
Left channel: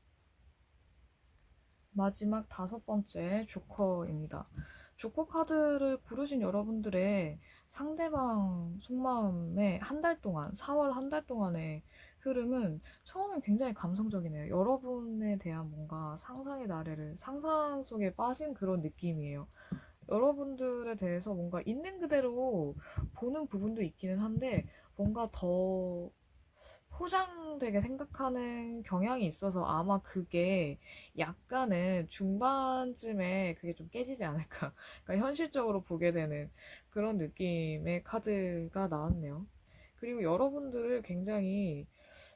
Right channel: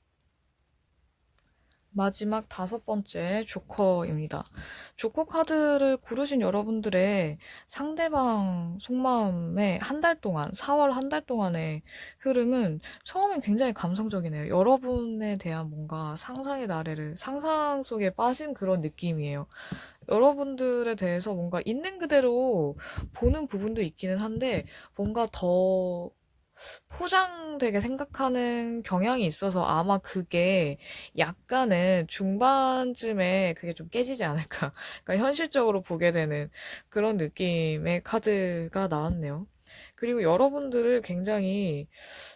마지막 5번째 조커입니다. 조커 카드를 고르신 여러분들의 상대방 속마음의 한 달 동안, 4월 한 달 동안의 흐름은 처음엔 굉장히 감성적이네요. 여러분에 대한 뭔가 상상의 나래를, 상상 속에 빠진 그런 느낌이에요. 여러분들에 대해서 뭔가 있는 그대로 보는 부분도 있기는 한데 뭔가 더 포장되게 생각하는 경향이 있어서 아마 그게 약간은 중반쯤에 그게 좀 깨지지 않을까. 그러니까 현실적으로 보게 되는 그런 느낌의 카드가 나왔네요. 그리고 여러분들을 굉장히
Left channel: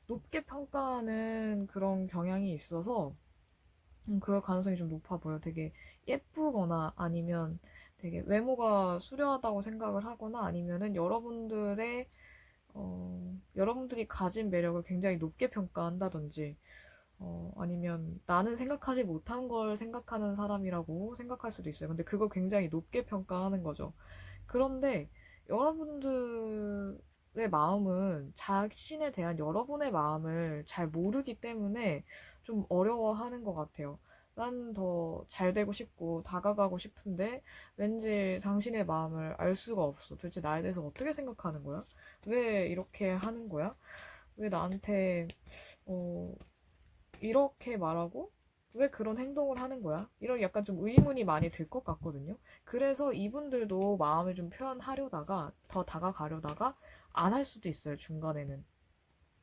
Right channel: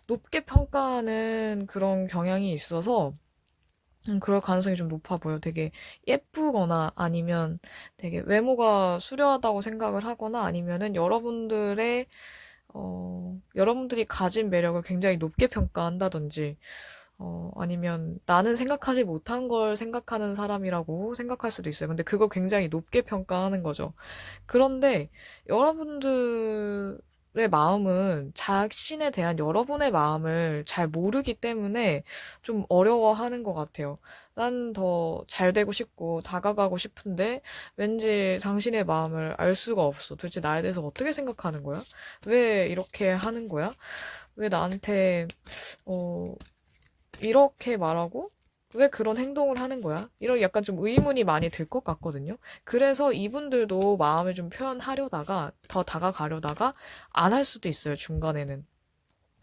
높게 평가하는 그런 경향이 있어서 그럴 가능성이 좀 높아 보여. 되게 예쁘거나 아니면 되게 외모가 수려하다고 생각을 하거나 아니면은 여러분들이 가진 매력을 굉장히 높게 평가한다든지 아니면 나는 생각하지 못한 걸 생각하는 사람이라고 생각할 수도 있어요. 근데 그걸 굉장히 높게 평가하는 거죠. 그런데 여러분들의 마음은 자신에 대한 여러분의 마음을 잘 모르기 때문에 좀 어려워하는 것 같아요. 난 더 잘 되고 싶고 다가가고 싶은데 왠지 당신의 마음을 알 수가 없어. 도대체 나에 대해서 어떻게 생각하는 거야? 왜 이렇게 하는 거야? 왜 나한테 어, 이렇게 말하고 왜 그런 행동을 하는 거야? 이런 약간 좀 의문이 많이 들 것 같거든요. 그래서 이분들도 마음을 좀 표현하려다가 더 다가가려다가 안 할 수도 있어요, 중간에는.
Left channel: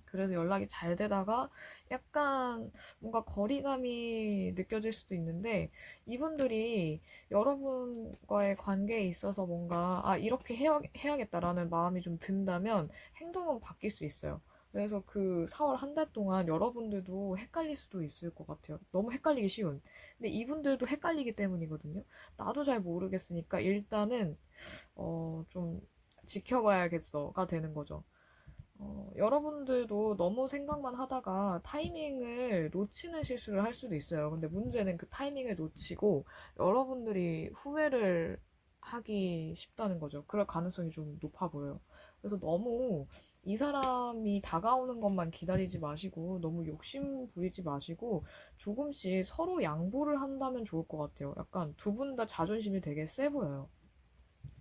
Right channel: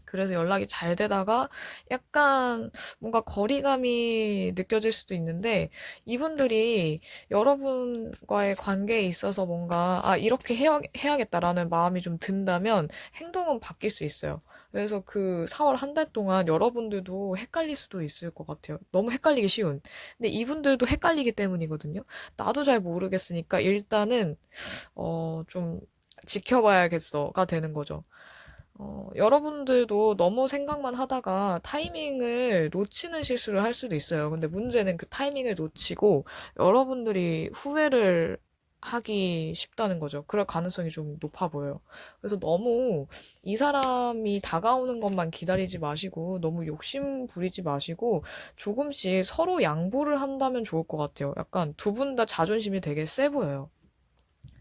그래서 연락이 잘 되다가 약간 뭔가 거리감이 느껴질 수도 있는데 이분들이 여러분과의 관계에 있어서 뭔가 이렇게 해야겠다라는 마음이 좀 든다면 행동은 바뀔 수 있어요. 그래서 그 4월 한 달 동안 여러분들도 헷갈릴 수도 있을 것 같아요. 너무 헷갈리기 쉬운. 근데 이분들도 헷갈리기 때문이거든요. 나도 잘 모르겠으니까 일단은 좀 지켜봐야겠어가 되는 거죠. 여러분들도 너무 생각만 하다가 타이밍을 놓치는 실수를 할 수도 있어요. 근데 문제는 그 타이밍을 놓치고 여러분들이 후회를 하기 쉽다는 거죠. 그럴 가능성이 좀 높아 보여요. 그래서 너무 이 사람이 다가오는 것만 기다리지 마시고 너무 욕심 부리지 마시고 조금씩 서로 양보를 한다면 좋을 것 같아요. 약간 두 분 다 자존심이 되게 세 보여요.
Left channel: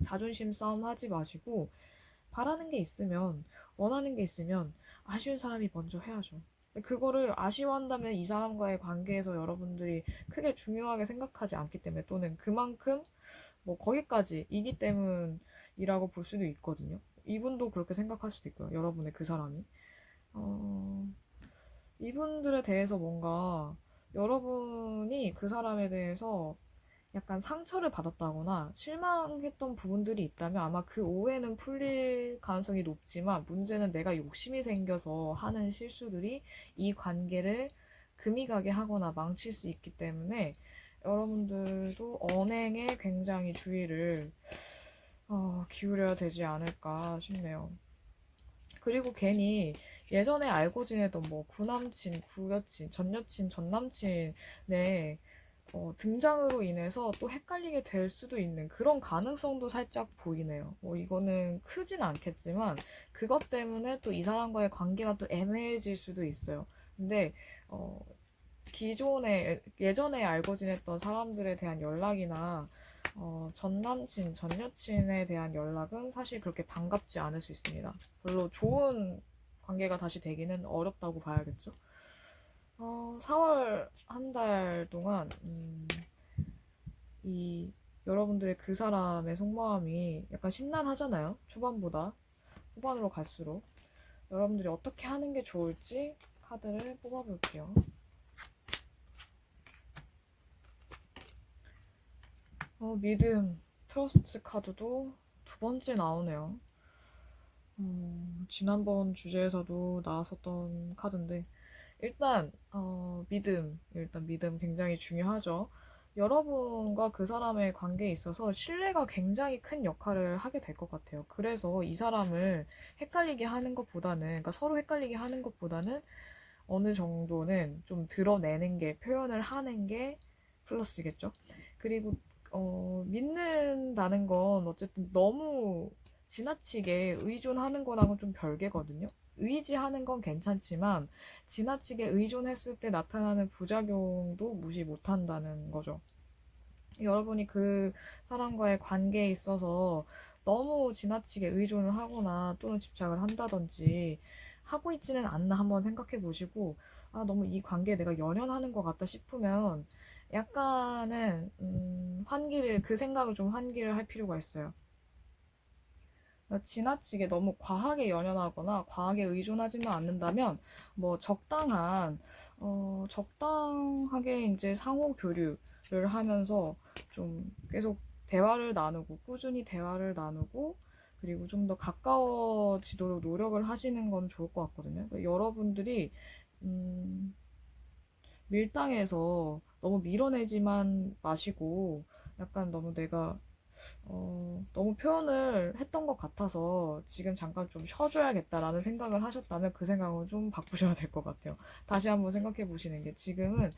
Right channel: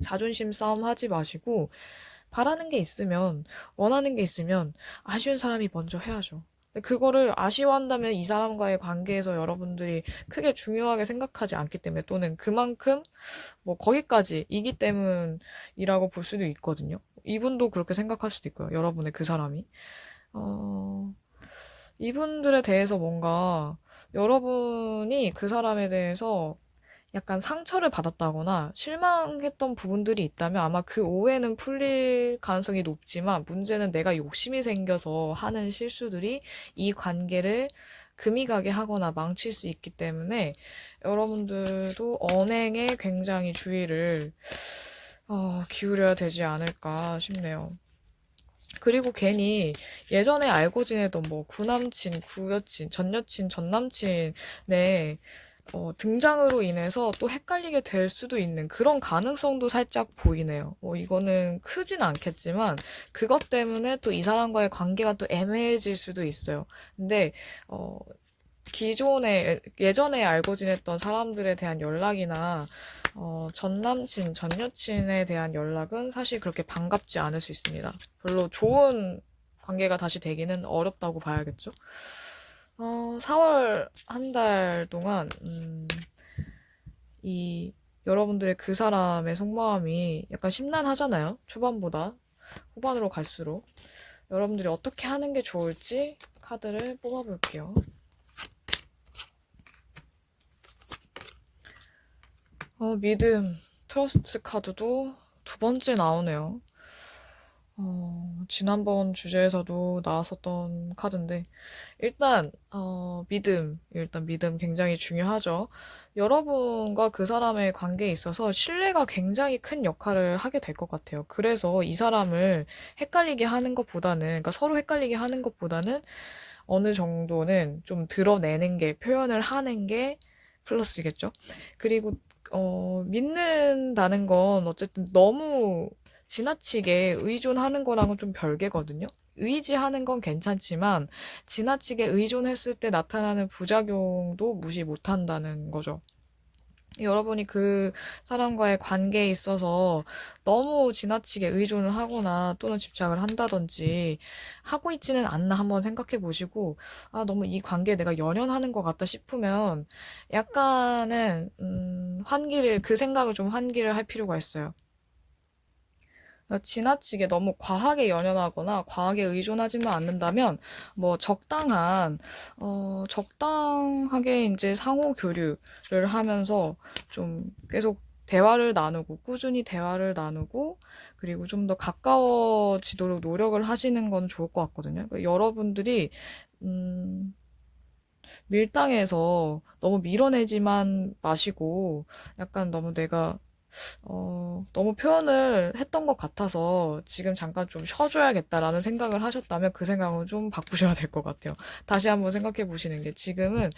자존심 싸움 하지 마시고 바라는 게 있으면 원하는 게 있으면 아쉬운 사람이 먼저 해야죠. 근데 그거를 아쉬워한다면 이 사람과의 관계에서 여러분들이 크게 중요하게 생각하지 않기 때문에 또는 그만큼 뭐 거기까지이기 때문이라고 볼 수도 있거든요. 이분도 그렇게 생각할 수도 있고요. 여러분의 그 사람이. 어, 이분들에 대해서 뭔가 여러분이 그 사람에 대해서 약간 상처를 받았다거나 실망했던 부분들이 있다면 아마 그 오해는 풀릴 가능성이 높지만 문제는 내가 욕심이 생겨서 하는 실수들이 이 관계를 금이 가게 하거나 망칠 수 있기 때문에 여러분들도 언행에 굉장히 주의를 기울여야 되지 않을까 싶네요. 그리고 괜히 예전에 알고 지내던 뭐 구남친, 구여친, 전여친, 전남친의 등장으로 인해서 또 헷갈리게 될 수도 있는 그런 가능성도 살짝 보이네요. 이거는 크진 않겠지만 그것 때문에 또 이 사람과의 관계가 또 애매해질 수도 있어요. 근데 어, 예전에 알고 지냈던 사람들에 대한 연락이나 전 남친, 전 여친에 대한 연락은 사실 그렇게 반갑지 않을 수 있습니다. 별로 좋은 관계가 다시 되기는 어렵다고 봐야겠죠. 4월 한 달 동안 이 여러분들의 그 사람의 속마음이 약간 심란하잖아요. 초반보다 후반으로 갈수록 여러분들이 어떻게 하는 게 좋을지 카드를 뽑아볼게요. 믿음, 트러스트 카드도 두 번째 나오네요. 지난번 주제에서도 나왔었던 카드인데, 일단 믿음 굉장히 중요하죠. 여러분과 그 사람의 관계에 있어서 신뢰가 굉장히 큰 역할을 하게 될 것 같아요. 그래서 이 사람을 헷갈리게 하는 것보다는, 그러니까 서로 헷갈리게 하는 것보다는 어느 정도는 좀 드러내는 게, 표현을 하는 게 플러스겠죠. 그리고 믿는다는 건 어쨌든 너무 지나치게 의존하는 거랑은 좀 별개거든요. 의지하는 건 괜찮지만 지나치게 의존했을 때 나타나는 부작용도 무시 못한다는 거죠. 여러분이 그 사람과의 관계에 있어서 너무 지나치게 의존을 하거나 또는 집착을 한다든지 하고 있지는 않나 한번 생각해 보시고, 너무 이 관계에 내가 연연하는 것 같다 싶으면 약간은 그 생각을 좀 환기를 할 필요가 있어요. 지나치게 너무 과하게 연연하거나 과하게 의존하지만 않는다면 뭐 적당하게 이제 상호 교류를 하면서 좀 계속 대화를 나누고 꾸준히 대화를 나누고 그리고 좀 더 가까워지도록 노력을 하시는 건 좋을 것 같거든요. 그러니까 여러분들이 음, 밀당해서 너무 밀어내지만 마시고 약간 너무 표현을 했던 것 같아서 지금 잠깐 좀 쉬어줘야겠다라는 생각을 하셨다면 그 생각은 좀 바꾸셔야 될 것 같아요. 다시 한번 생각해 보시는 게 지금은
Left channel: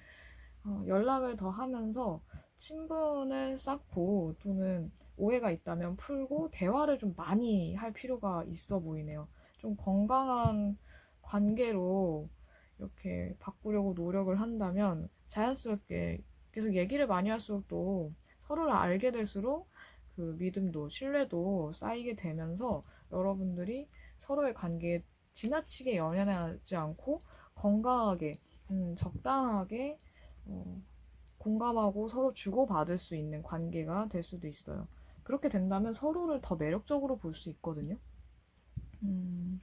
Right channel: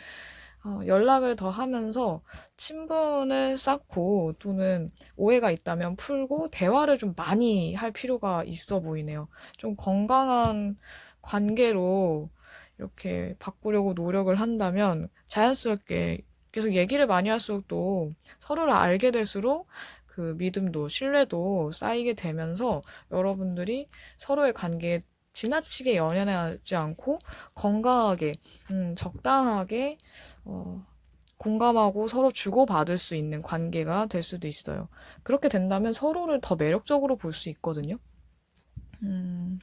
연락을 더 하면서 친분을 쌓고 또는 오해가 있다면 풀고 대화를 좀 많이 할 필요가 있어 보이네요. 좀 건강한 관계로 이렇게 바꾸려고 노력을 한다면 자연스럽게 계속 얘기를 많이 할수록 또 서로를 알게 될수록 그 믿음도 신뢰도 쌓이게 되면서 여러분들이 서로의 관계에 지나치게 연연하지 않고 건강하게, 적당하게, 공감하고 서로 주고받을 수 있는 관계가 될 수도 있어요. 그렇게 된다면 서로를 더 매력적으로 볼 수 있거든요. 음,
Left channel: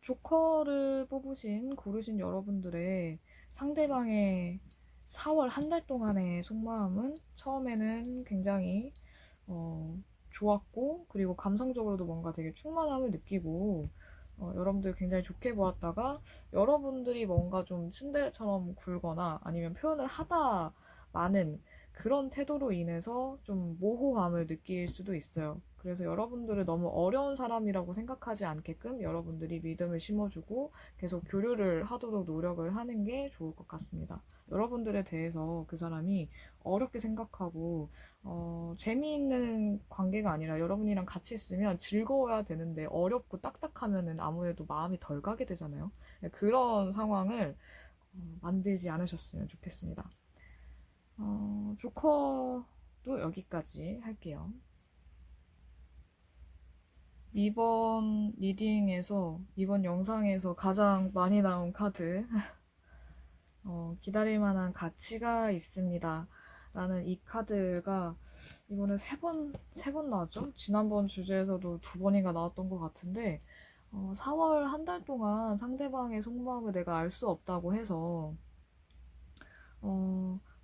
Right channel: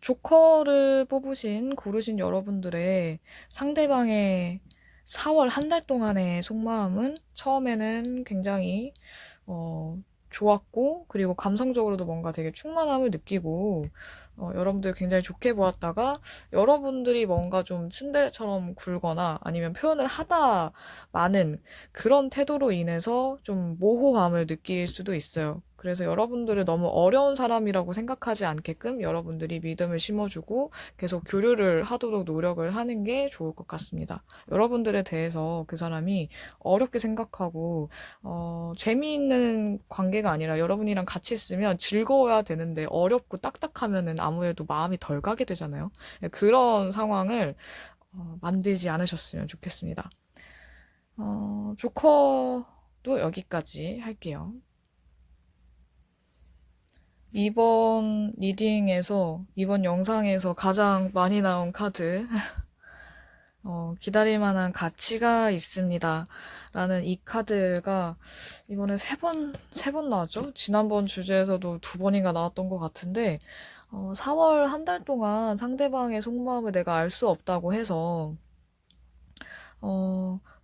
조커를 고르신 여러분들의 상대방의 4월 한 달 동안의 속마음은 처음에는 굉장히 좋았고, 그리고 감성적으로도 뭔가 되게 충만함을 느끼고, 여러분들 굉장히 좋게 보았다가, 여러분들이 뭔가 좀 츤데레처럼 굴거나 아니면 표현을 하다 많은 그런 태도로 인해서 좀 모호함을 느낄 수도 있어요. 그래서 여러분들을 너무 어려운 사람이라고 생각하지 않게끔 여러분들이 믿음을 심어주고 계속 교류를 하도록 노력을 하는 게 좋을 것 같습니다. 여러분들에 대해서 그 사람이 어렵게 생각하고 재미있는 관계가 아니라 여러분이랑 같이 있으면 즐거워야 되는데 어렵고 딱딱하면은 아무래도 마음이 덜 가게 되잖아요. 그런 상황을 만들지 않으셨으면 좋겠습니다. 조커도 여기까지 할게요. 이번 리딩에서, 이번 영상에서 가장 많이 나온 카드, 기다릴 만한 가치가 있습니다. 라는 이 카드가 이번에 세 번 나왔죠? 지난번 주제에서도 두 번인가 나왔던 것 같은데, 4월 한 달 동안 상대방의 속마음을 내가 알 수 없다고 해서,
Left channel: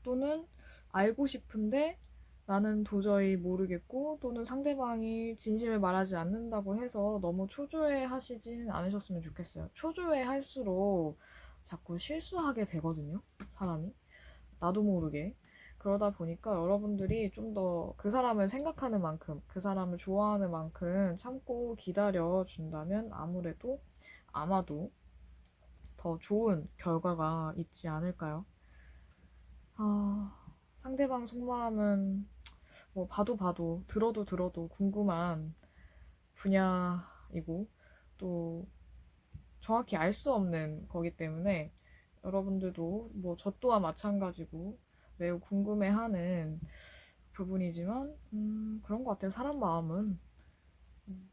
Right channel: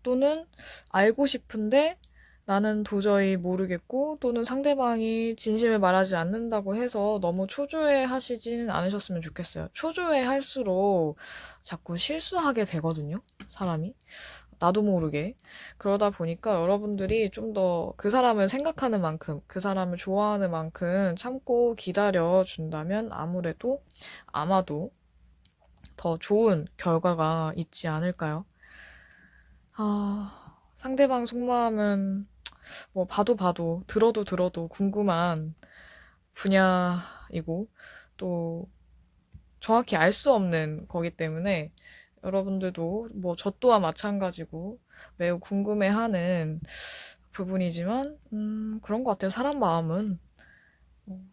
또는 알고 싶은데 나는 도저히 모르겠고, 또는 상대방이 진심을 말하지 않는다고 해서 너무 초조해 하시지는 않으셨으면 좋겠어요. 초조해 할수록 자꾸 실수하게 되거든요, 사람이. 나도 모르게. 그러다 보니까 여러분들이 좀 더 그 사람을 생각하는 만큼, 그 사람을 좋아하는 만큼 참고 기다려 준다면 아마도 더 좋은 결과가 있지 않을까요? 상대방 속마음은 뭐 들어도 궁금한 분야이고, 또 정확히 알 수 없는 거기 때문에 여러분들도 뭐 저 또한 마찬가지고 매우 궁금해하는 부분이지만, 그런 것 같아요. 사람 마음은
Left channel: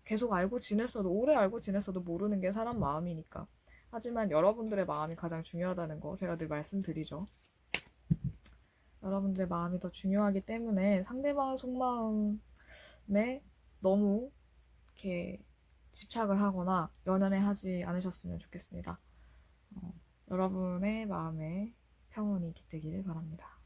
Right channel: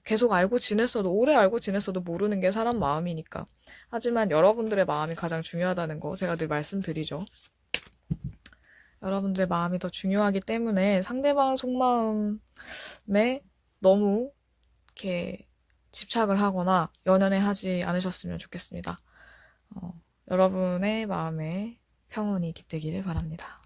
계속 오래 알고 지냈어도 모르는 게 사람 마음이니까. 하지만 여러분들의 마음이 가장 중요하다는 거 제가 늘 말씀드리죠. 여러분들의 마음이 더 중요하기 때문에 상대방 속마음에 너무 이렇게 집착을 하거나 연연해 하지 않으셨으면 좋겠습니다. 여러분의 마음에 평온이 깃들기를 바랍니다.